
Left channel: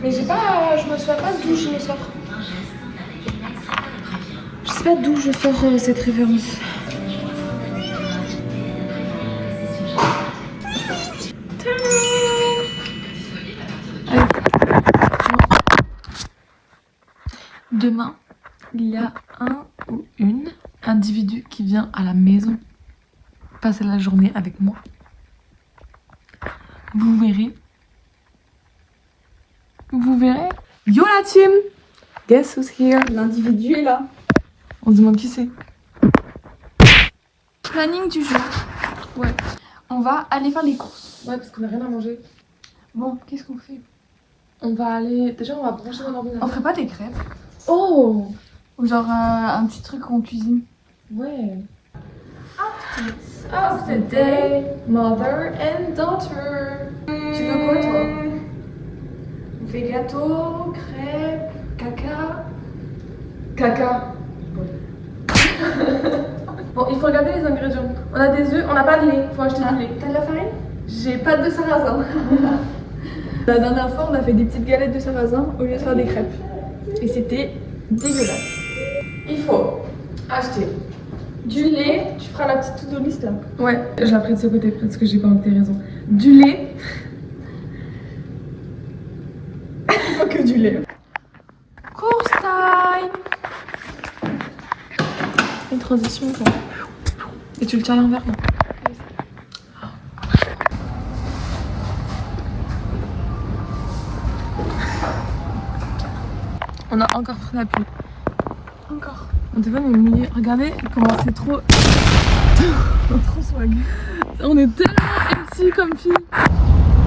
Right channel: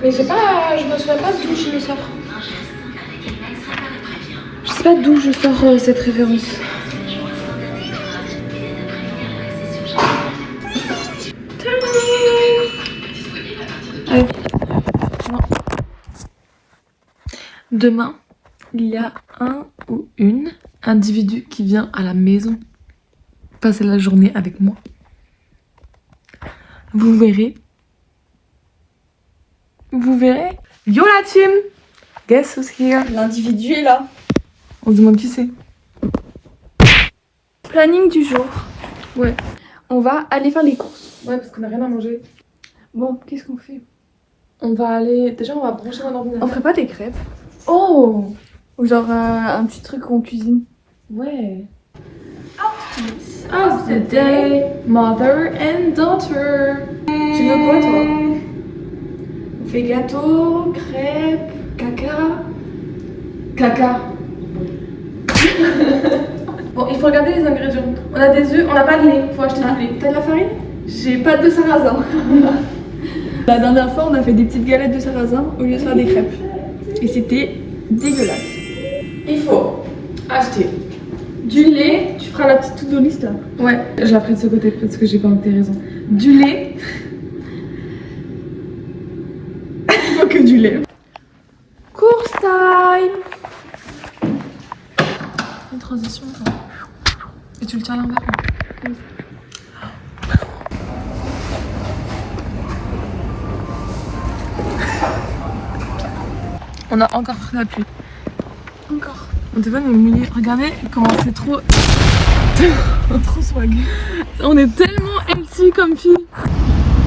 Mais j'ai pas, je me souviens pas d'où je le sors. Je sais pas d'où je sors cette référence. Tadam. Demain, il y a un ou une individu qui vient à la maison passer la journée avec moi. Vous verrez. Vous verrez. Yo la team! Guess who's here? L'individu est là. On se demande qui c'est. Planning du jour. Ouais. On va aller faire les courses. Ouais, parce qu'on a rien à manger. Bon, qu'est-ce qu'on fait? On va aller. Déjà, on va brancher mon On ordinateur. ferait pas des crêpes? Oh! Ou genre un petit truc qu'on cuisine? Ouais. Of the day, mother and daughter. Tu veux quoi toi? On fait gâteau, crêpes, caca. Caca. Bon, il faut regarder les ingrédients. On a des œufs, on n'a pas de lait, faut acheter du lait. T'as de la farine? J'ai pas de sarrasin. La dernière fois, on a fait des petites galettes de sarrasin au lieu de faire des crêpes. Et c'était dégueulasse. Il faut acheter du lait. Tu feras la petite to-do list là. Ouais, je la ferai de ce côté parce que j'ai pas tes raisons. Du lait. Il faut que du lait. Course time. Une transition quoi. Et tu le tiens à l'envers. On a encore pris la pluie. Encore. Mon téléphone est mouillé. Regardez comment c'est trop. trop swag. On est tellement MC comme fille.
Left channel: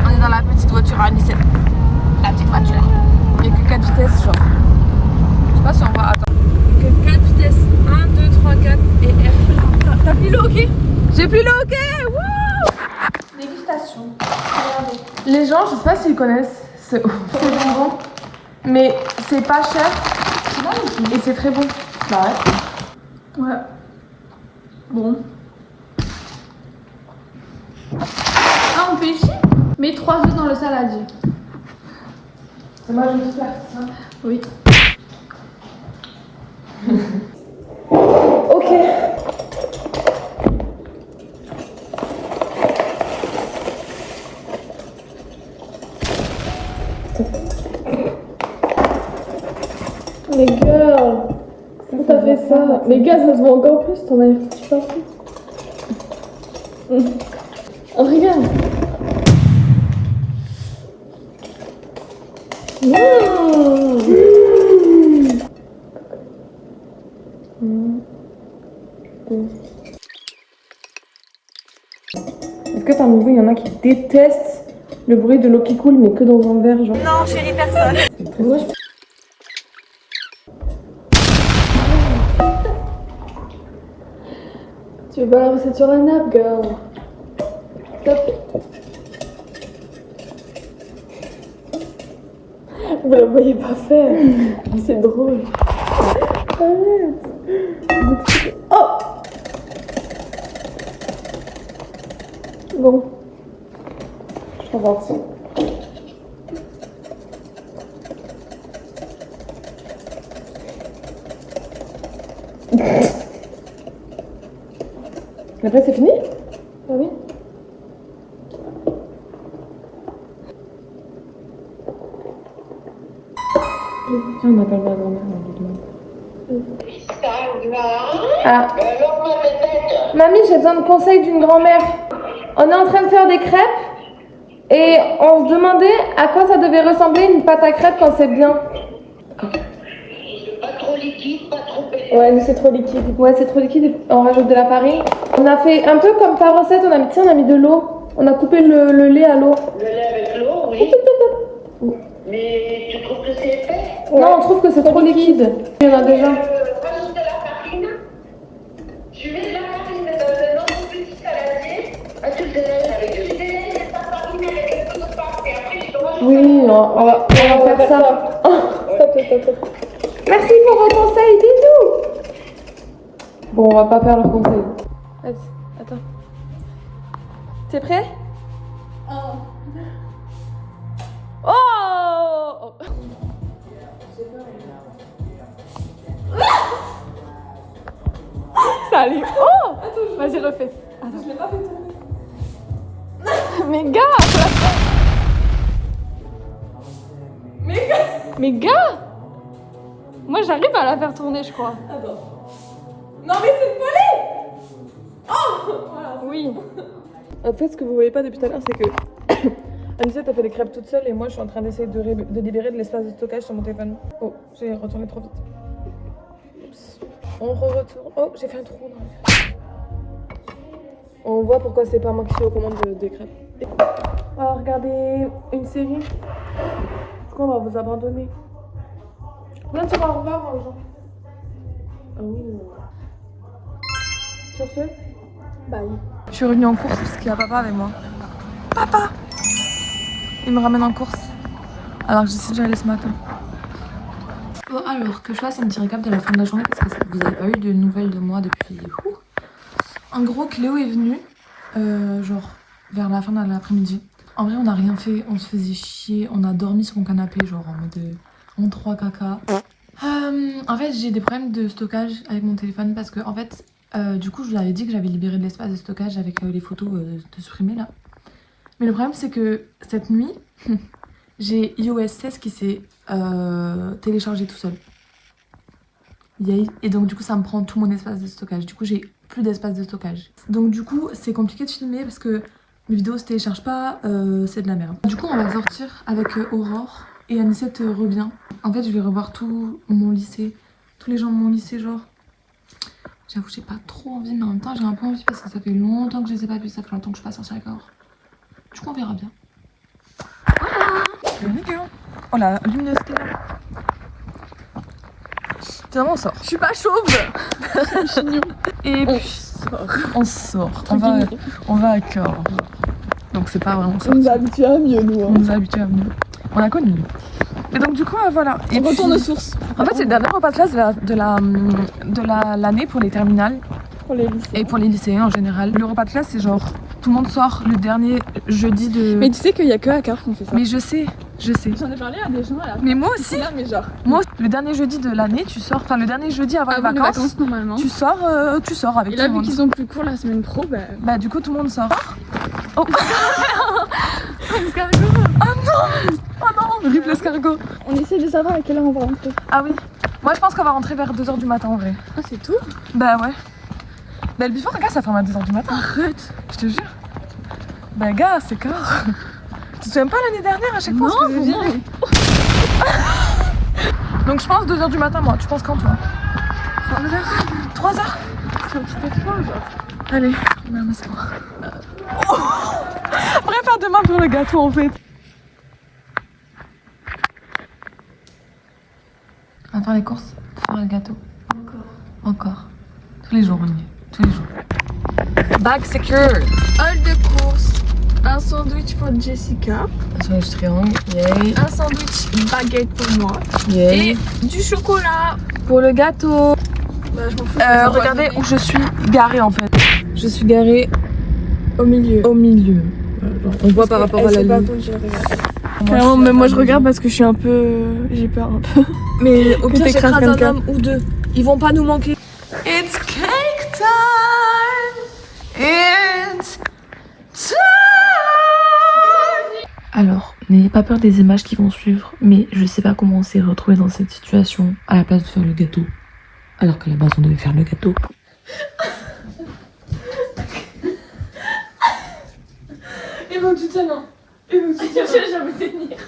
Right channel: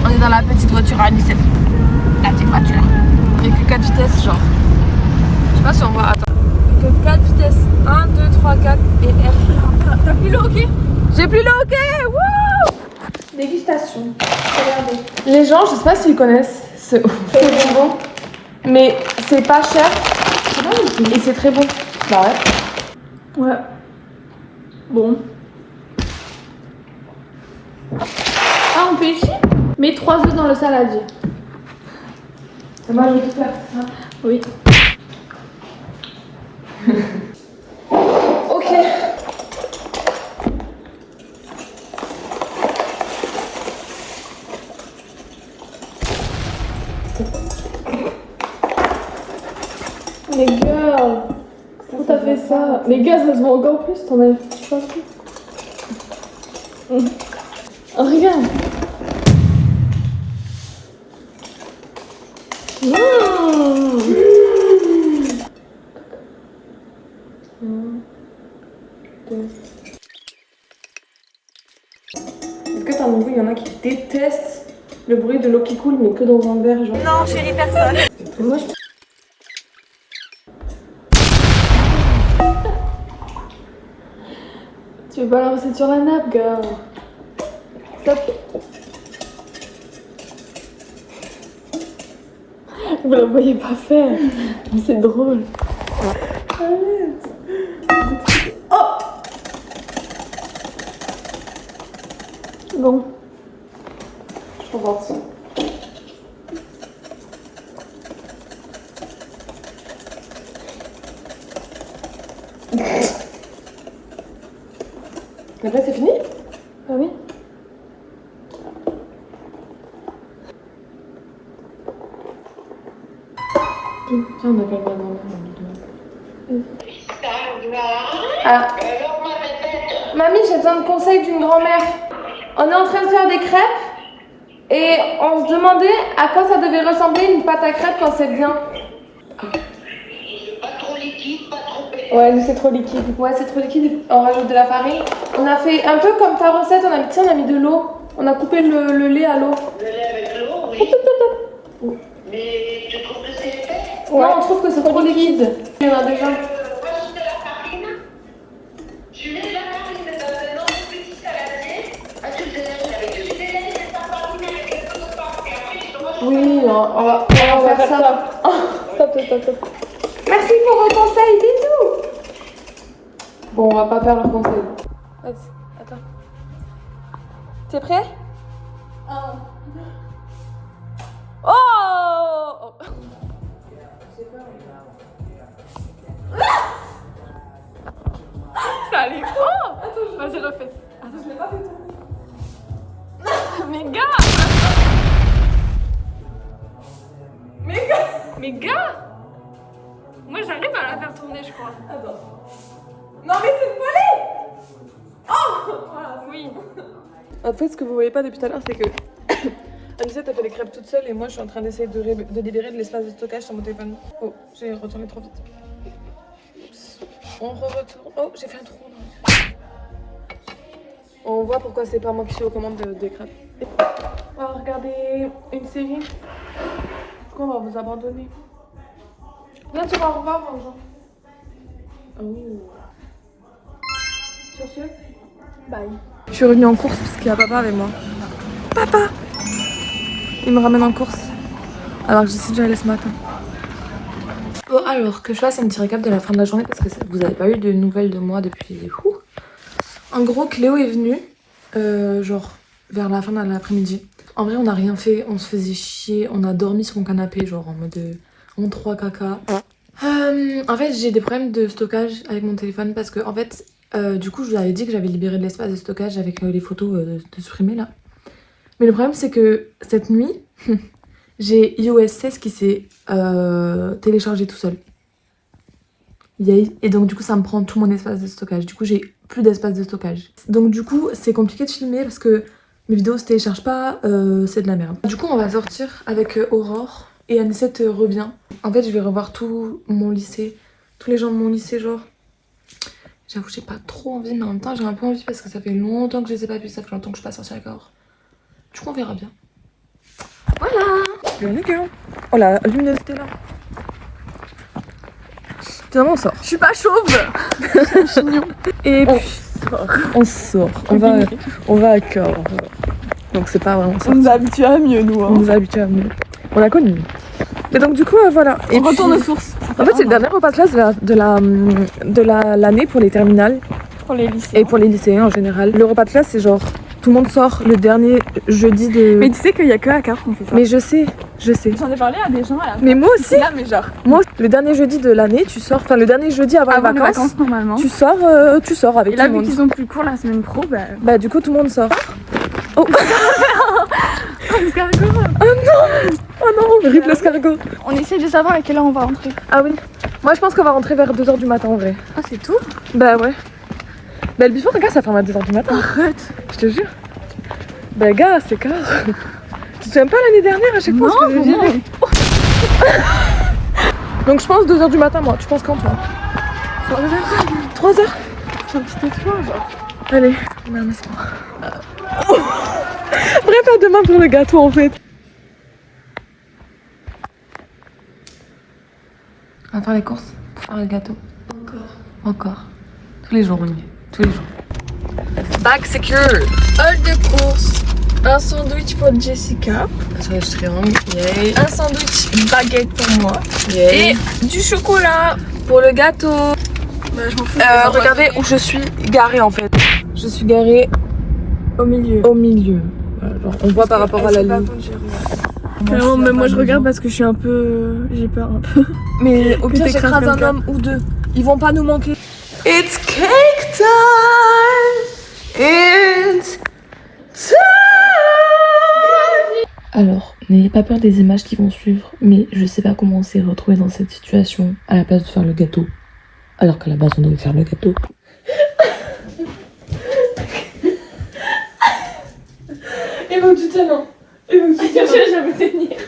On est dans la petite voiture à Nice. La petite voiture. Il n'y a que 4 vitesses, genre. Je sais pas si on voit. Attends. Que 4 vitesses. 1, 2, 3, 4 et R. T'as plus le hockey? J'ai plus le hockey. Wouh! Dégustation. Regardez. Les gens, je sais pas s'ils connaissent ce bonbon, mais c'est pas cher. Et c'est très bon. Bah ouais. Ouais. Bon. Ah, on fait ici? Mets 3 œufs dans le saladier. Moi je vais tout faire, c'est ça? Oui. Ok. Mais girl, pourquoi t'as fait ça? Mais gars, ça se voit encore plus, t'en avais foutu partout. Oh, regarde. Est-ce que t'as un nouveau, il y en a qui détestent le bruit de l'eau qui coule, mais que dans un verre, genre? Non, chérie, personne. Moi, je... Tu veux pas la recette sur la nappe, gars? Stop. Vous la voyez pas faire. C'est drôle. Arrête. Oh! Bon. On va voir. Après, c'est fini? Ah oui. On n'a pas le droit de dormir dans le doudou. Ah. Alors, ma bébête, Mamie, j'ai besoin de conseils d'une grand-mère. On est en train de faire des crêpes et on se demandait à quoi ça devait ressembler une pâte à crêpes quand c'est bien. pas trop liquide, pas trop épais. Ouais, mais c'est trop liquide. Ouais, c'est trop liquide. On rajoute de la farine. On a fait un peu comme ta recette. On a mis de l'eau. On a coupé le lait à l'eau. Le lait avec l'eau, oui. Mais tu trouves que c'est épais? Non, on trouve que c'est trop liquide. Il y en a déjà. Rajouter la farine. Tu mets la farine dans un autre petit saladier. Ah, tu le délèves avec le jus. Ta farine avec le autre part. Et après, tu te rajoutes. Oui, on va faire ça. Stop. Merci pour vos conseils. Bisous. Bon, on va pas faire le conseil. Vas-y, attends. T'es prêt? Oh! Salut! Oh! Vas-y, refais. Attends, je l'ai pas fait tourner. Mais gars! Mais gars! Moi, j'arrive à la faire tourner, je crois. Attends. Non, mais c'est une volée! Oh! Voilà, oui. En fait, ce que vous voyez pas depuis tout à l'heure, c'est que Anisette a fait les crêpes toute seule et moi, je suis en train d'essayer de libérer de l'espace de stockage sur mon téléphone. Oh, j'ai retourné trop vite. Oups. On retourne. Oh, j'ai fait un trou dans la crêpe. On voit pourquoi c'est pas moi qui suis aux commandes des crêpes. On va regarder une série. Pourquoi on va vous abandonner? Là, tu vas au revoir aux gens. Oh. Sur ce, bye. Je suis revenue en course parce qu'il y a papa avec moi. Papa! Il me ramène en course. Alors que je sais déjà aller ce matin. Bon, alors que je fasse un petit récap de la fin de la journée parce que vous n'avez pas eu de nouvelles de moi depuis. En gros, Cléo est venue genre vers la fin de l'après-midi. En vrai, on n'a rien fait, on se faisait chier, on a dormi sur mon canapé, genre en mode en 3 caca. En fait, j'ai des problèmes de stockage avec mon téléphone parce que, en fait, du coup, je vous avais dit que j'avais libéré de l'espace de stockage avec les photos de supprimer là. Mais le problème, c'est que cette nuit, j'ai iOS 16 qui s'est téléchargé tout seul. Et donc, du coup, ça me prend tout mon espace de stockage. Du coup, j'ai plus d'espace de stockage. Donc, du coup, c'est compliqué de filmer parce que mes vidéos se téléchargent pas, c'est de la merde. Du coup, on va sortir avec Aurore et Anicette revient. En fait, je vais revoir tout mon lycée, tous les gens de mon lycée, genre. J'avoue, j'ai pas trop envie, mais en même temps, j'ai un peu envie parce que ça fait longtemps que je les ai pas vus, ça fait longtemps que je suis pas sortie avec Aurore. Du coup, on verra bien. Voilà. Nickel. Oh la luminosité là. Finalement, on sort. Je suis pas chauve. Et on sort. On va à cœur. Donc c'est pas vraiment ça. On nous a habitués à mieux, nous. Hein. On nous a habitués à mieux. On a connu. Et donc du coup, voilà. Et on retourne aux sources. En fait, c'est le dernier repas de classe de l'année pour les terminales. Pour les lycéens. Et pour les lycéens en général. Le repas de classe, c'est genre, tout le monde sort le dernier jeudi de... Mais tu sais qu'il y a que à Cahors qu'on fait ça. Mais je sais. J'en ai parlé à des gens à la Mais moi aussi. là, mais genre... Moi, le dernier jeudi de l'année, tu sors, enfin le dernier jeudi avant les vacances normalement. tu sors avec et tout là, le vu monde. qu'ils ont plus cours la semaine pro, Bah du coup tout le monde sort. Oh, l'escargot. oh non, rip l'escargot. On essaie de savoir à quelle heure on va rentrer. Ah oui, moi je pense qu'on va rentrer vers 2h du matin en vrai. Ah, c'est tout? Bah ouais. Bah le before, regarde, ça ferme à 2h du matin. Arrête. Je te jure. Bah gars, c'est clair. Tu te souviens pas l'année dernière à chaque fois ce que je disais? Donc je pense 2h du matin moi, tu penses quand toi? 3h? C'est un petit espoir, genre. Allez, non mais c'est moi. Oh. Bref, à demain pour le gâteau en fait. On va faire les courses, faire le gâteau. Encore. Tous les jours, oui. Tous les jours. Bag secure. Hall de course. Un sandwich pour Jessica. Un sandwich triangle, yay. Un sandwich baguette pour moi. Yay. Et du chocolat. Pour le gâteau. Bah, je m'en fous. Regardez où je suis garée en fait. Je suis garée au milieu. Au milieu. Genre, on voit par rapport à la ligne. Clairement, même moi je regarde parce que je suis un peu. J'ai peur un peu. Mais au pire, t'écrases j'écrase un quelqu'un. homme ou deux. Ils vont pas nous manquer. It's cake time. It's time. Alors, n'ayez pas peur des images qui vont suivre, mais je sais pas comment on s'est retrouvé dans cette situation à la place de faire le gâteau. Alors qu'à la base, on devait faire le gâteau. Il faut que tu tiennes, non. Il faut que tu tiennes. Je vais me tenir.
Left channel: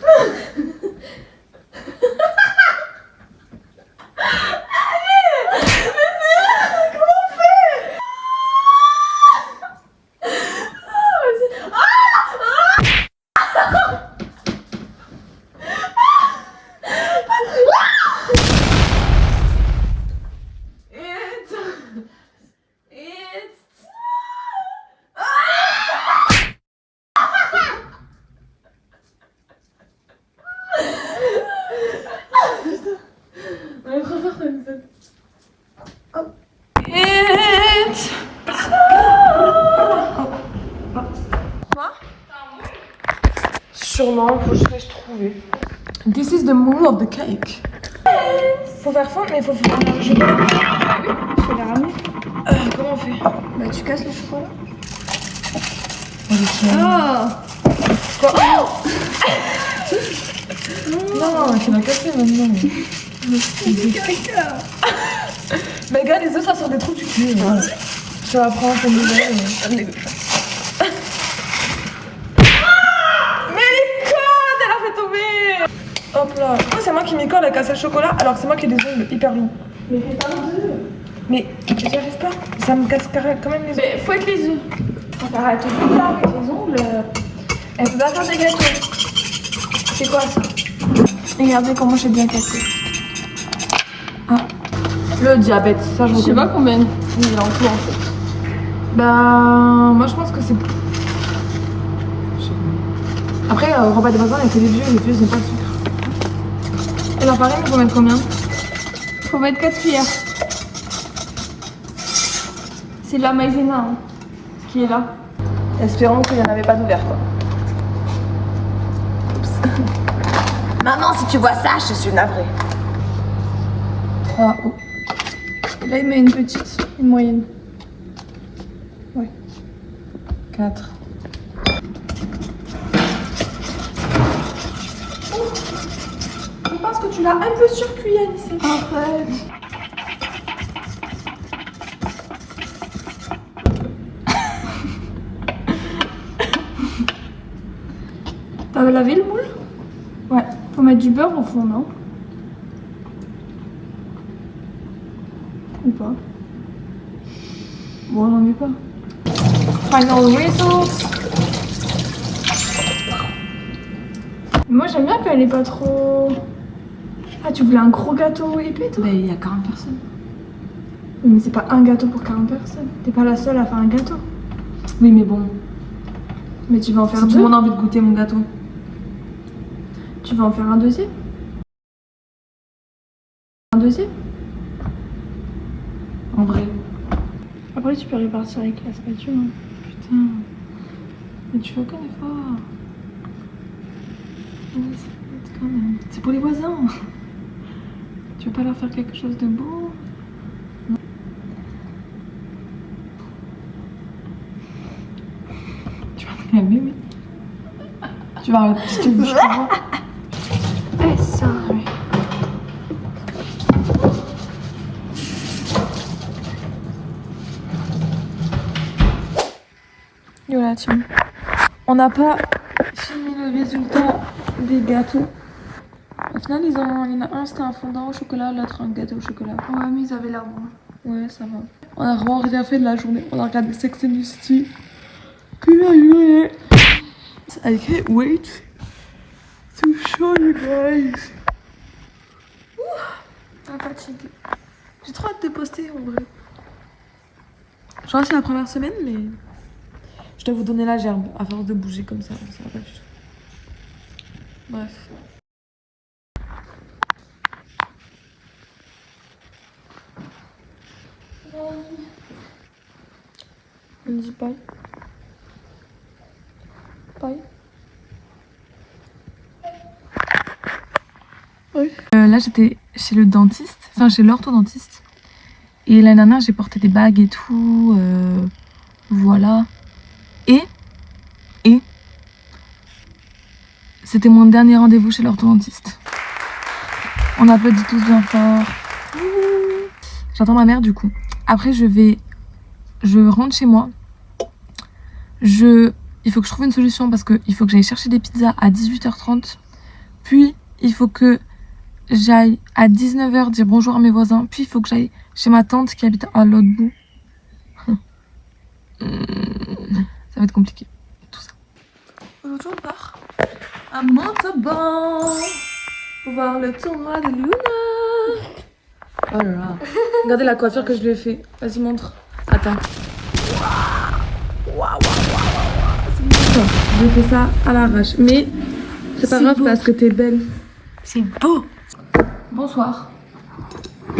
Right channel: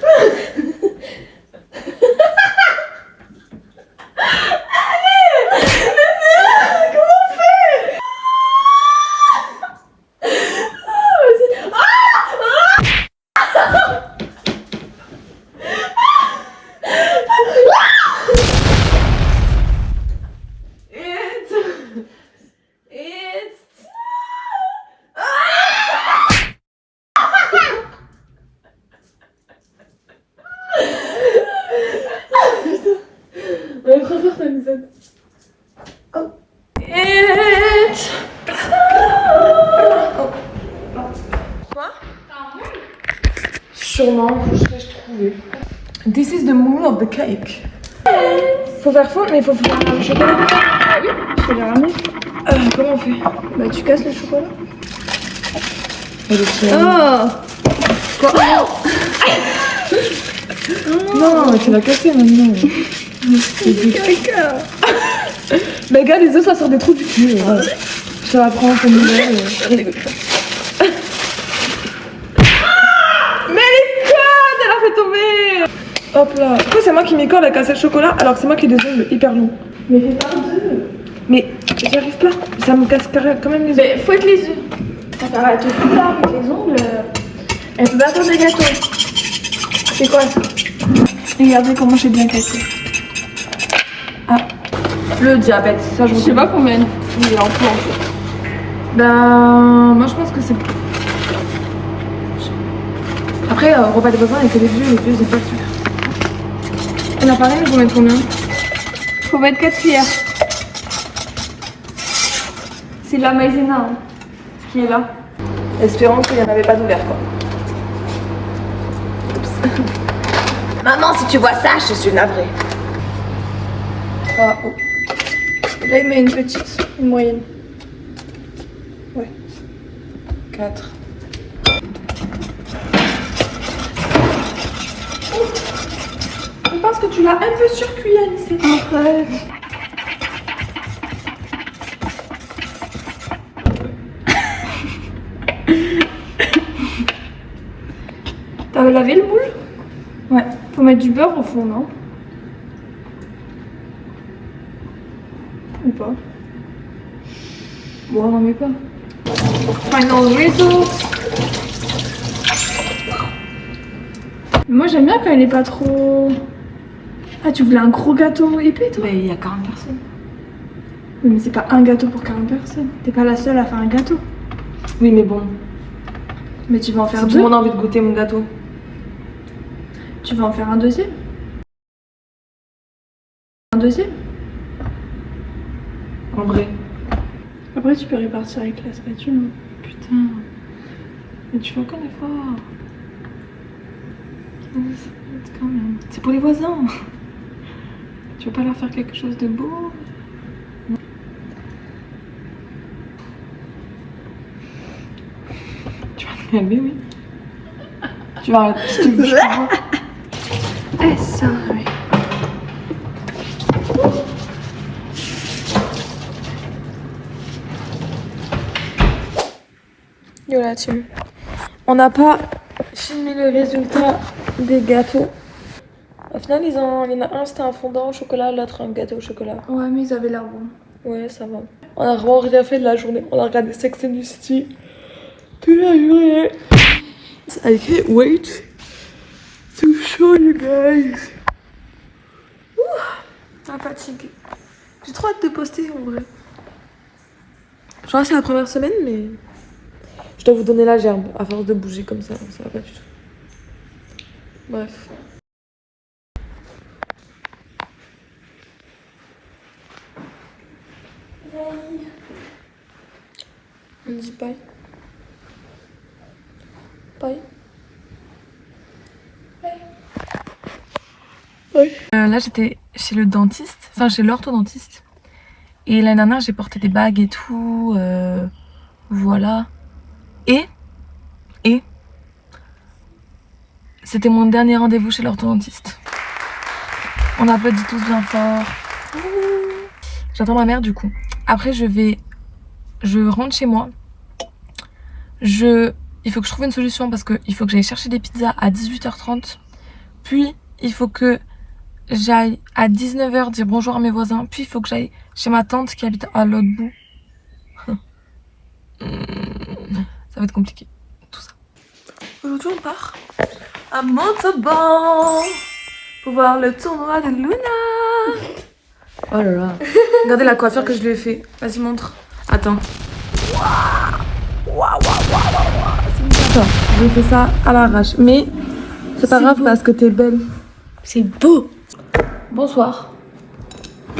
Ouais, trop fort, Anisette. Oh. Quoi? Sûrement, faut juste que je trouve. This is the moon of the cake. Faut faire fondre, mais faut faire le chocolat. Ah oui, je te l'ai ramené. Comment on fait? Bah, tu casses le chocolat. Oh! Quoi? Non, mais tu l'as cassé maintenant. Bah gars, les œufs ça sort des trous du cul. Je vais apprendre un peu nouvelle. Mais les codes, elle a fait tomber. Hop là. Pourquoi c'est moi qui m'y colle à casser le chocolat alors que c'est moi qui ai des ongles hyper longs? Mais fais pas mais j'y arrive pas. Ça me casse quand même les ongles. Mais fouette les œufs. Ça va te foutre là avec les ongles. Elle peut pas faire des gâteaux. C'est quoi ça? Regardez comment j'ai bien cassé. Ah, le diabète, ça je Je sais pas combien il est en fait. Ben, moi je pense que c'est... Après, repas des voisins, il fait des vieux, les vieux ils ont pas de sucre. Et la farine, il faut mettre combien? Faut mettre 4 cuillères. C'est la maïzena hein, qui est là. Espérons qu'il n'y en avait pas d'ouvert quoi. Maman, si tu vois ça, je suis navrée. Ah, oh. Là, il met une petite, une moyenne. Ouais. 4. Je pense que tu l'as un peu surcuit, Alice. Arrête. T'as lavé le moule? Ouais. Faut mettre du beurre au fond, non? Ou pas? Bon, on n'en met pas. Final results. Moi, j'aime bien quand elle est pas trop... Ah, tu voulais un gros gâteau épais, toi? Ben, il y a 40 personnes. Oui, mais c'est pas un gâteau pour 40 personnes. T'es pas la seule à faire un gâteau. Oui, mais bon. Mais tu vas en faire Si tout deux. le monde a envie de goûter mon gâteau. Tu vas en faire un deuxième? Un deuxième? En vrai. Après, tu peux répartir avec la spatule. Hein. Putain. Mais tu fais aucun effort. Quand même. C'est pour les voisins. Tu veux pas leur faire quelque chose de beau? Non. Tu vas te calmer, oui. Tu vas arrêter. Si tu veux, je comprends. Eh, sorry. Yo la team. On n'a pas filmé le résultat des gâteaux. Au final, il y en a un, c'était un fondant au chocolat, l'autre un gâteau au chocolat. Ouais, mais ils avaient l'air bons. Ouais, ça va. On a vraiment rien fait de la journée. On a regardé Sex and the City. Que la journée. I can't wait to show you guys. Ah, fatigue. J'ai trop hâte de poster en vrai. Je crois que c'est la première semaine, mais Je dois vous donner la gerbe à force de bouger comme ça va pas du tout. Bref. On dit bye. Bye. Là, j'étais chez le dentiste, enfin chez l'orthodontiste. Et l'année dernière, j'ai porté des bagues et tout. Voilà. Et c'était mon dernier rendez-vous chez l'orthodontiste. On applaudit tous bien fort. J'attends ma mère du coup. Après, je rentre chez moi. Il faut que je trouve une solution parce qu'il faut que j'aille chercher des pizzas à 18h30. Puis, il faut que j'aille à 19h dire bonjour à mes voisins. Puis, il faut que j'aille chez ma tante qui habite à l'autre bout. Ça va être compliqué, tout ça. aujourd'hui on part à Montauban pour voir le tournoi de Luna. Oh là là. Regardez la coiffure que je lui ai fait. Vas-y, montre. Attends. J'ai fait ça à l'arrache. Mais c'est pas grave parce que t'es belle. C'est beau. Bonsoir.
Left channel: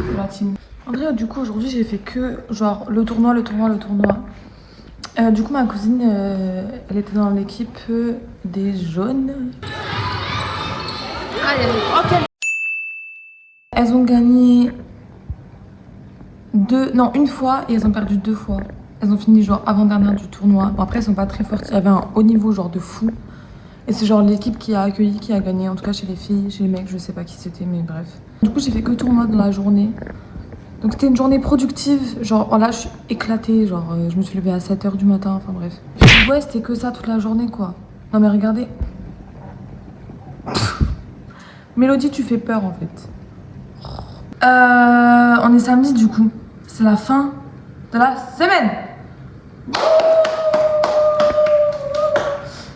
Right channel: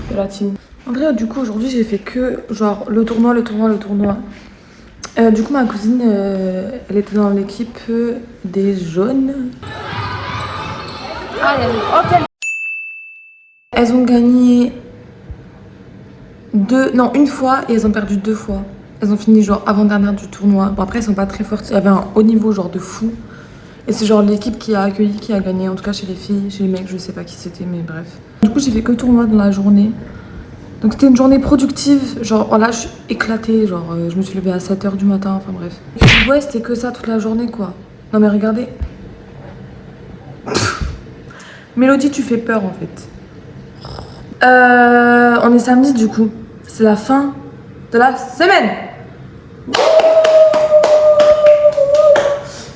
C'est la team. En vrai, du coup, aujourd'hui, j'ai fait que genre le tournoi. Du coup, ma cousine, elle était dans l'équipe des jaunes. Elles ont gagné une fois et elles ont perdu 2 fois. Elles ont fini genre avant-dernière du tournoi. Bon, après, elles sont pas très fortes. Il y avait un haut niveau genre de fou. Et c'est genre l'équipe qui a accueilli, qui a gagné. En tout cas, chez les filles, chez les mecs, je sais pas qui c'était, mais bref. Du coup, j'ai fait que le tournoi dans la journée. Donc c'était une journée productive. Genre, oh là, je suis éclatée. Genre, je me suis levée à 7h du matin. Enfin bref. Ouais, c'était que ça toute la journée, quoi. Non, mais regardez. Mélodie, tu fais peur, en fait. On est samedi, du coup. C'est la fin de la semaine.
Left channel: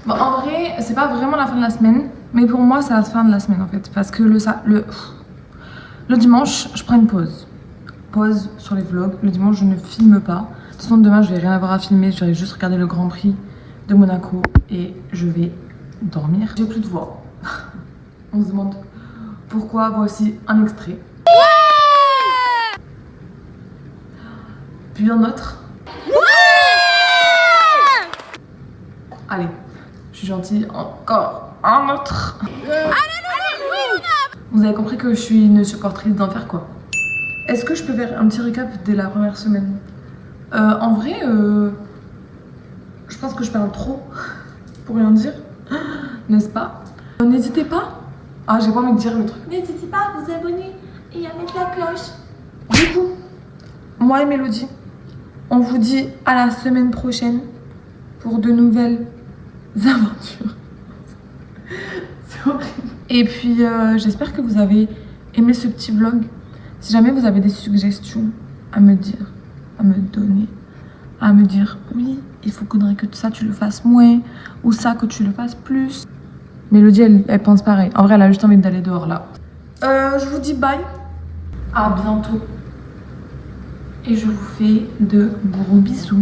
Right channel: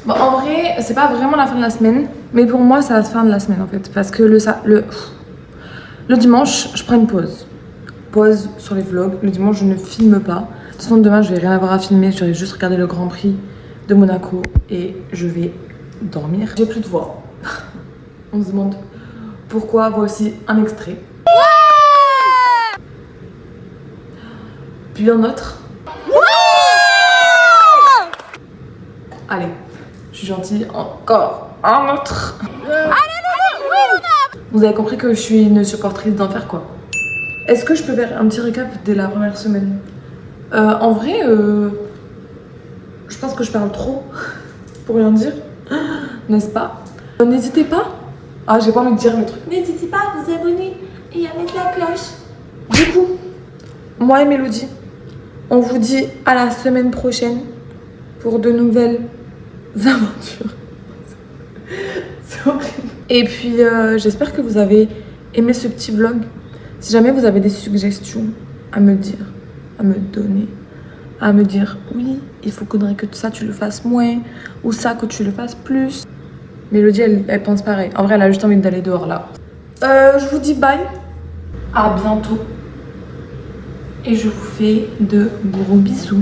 Bon, en vrai, c'est pas vraiment la fin de la semaine. Mais pour moi, c'est la fin de la semaine, en fait. Parce que le dimanche, je prends une pause. Pause sur les vlogs. Le dimanche, je ne filme pas. De toute façon, demain, je vais rien avoir à filmer. Je vais juste regarder le Grand Prix de Monaco et je vais dormir. J'ai plus de voix. On se demande pourquoi. Voici un extrait. Puis un autre. Allez, je suis gentille. Encore un autre. Vous avez compris que je suis une supportrice d'enfer, quoi. Est-ce que je peux faire un petit récap dès la première semaine? En vrai, je pense que je parle trop pour rien dire, n'est-ce pas? N'hésitez pas. Ah, j'ai pas envie de dire le truc. N'hésitez pas à vous abonner et à mettre la cloche. Du coup, moi et Mélodie, on vous dit à la semaine prochaine pour de nouvelles aventures. C'est horrible. Et puis, j'espère que vous avez aimé ce petit vlog. Si jamais vous avez des suggestions à me dire, à me donner, à me dire oui, il faudrait que ça tu le fasses moins ou ça que tu le fasses plus. Mélodie, elle pense pareil. En vrai, elle a juste envie d'aller dehors là. Je vous dis bye. À bientôt. Et je vous fais de gros bisous.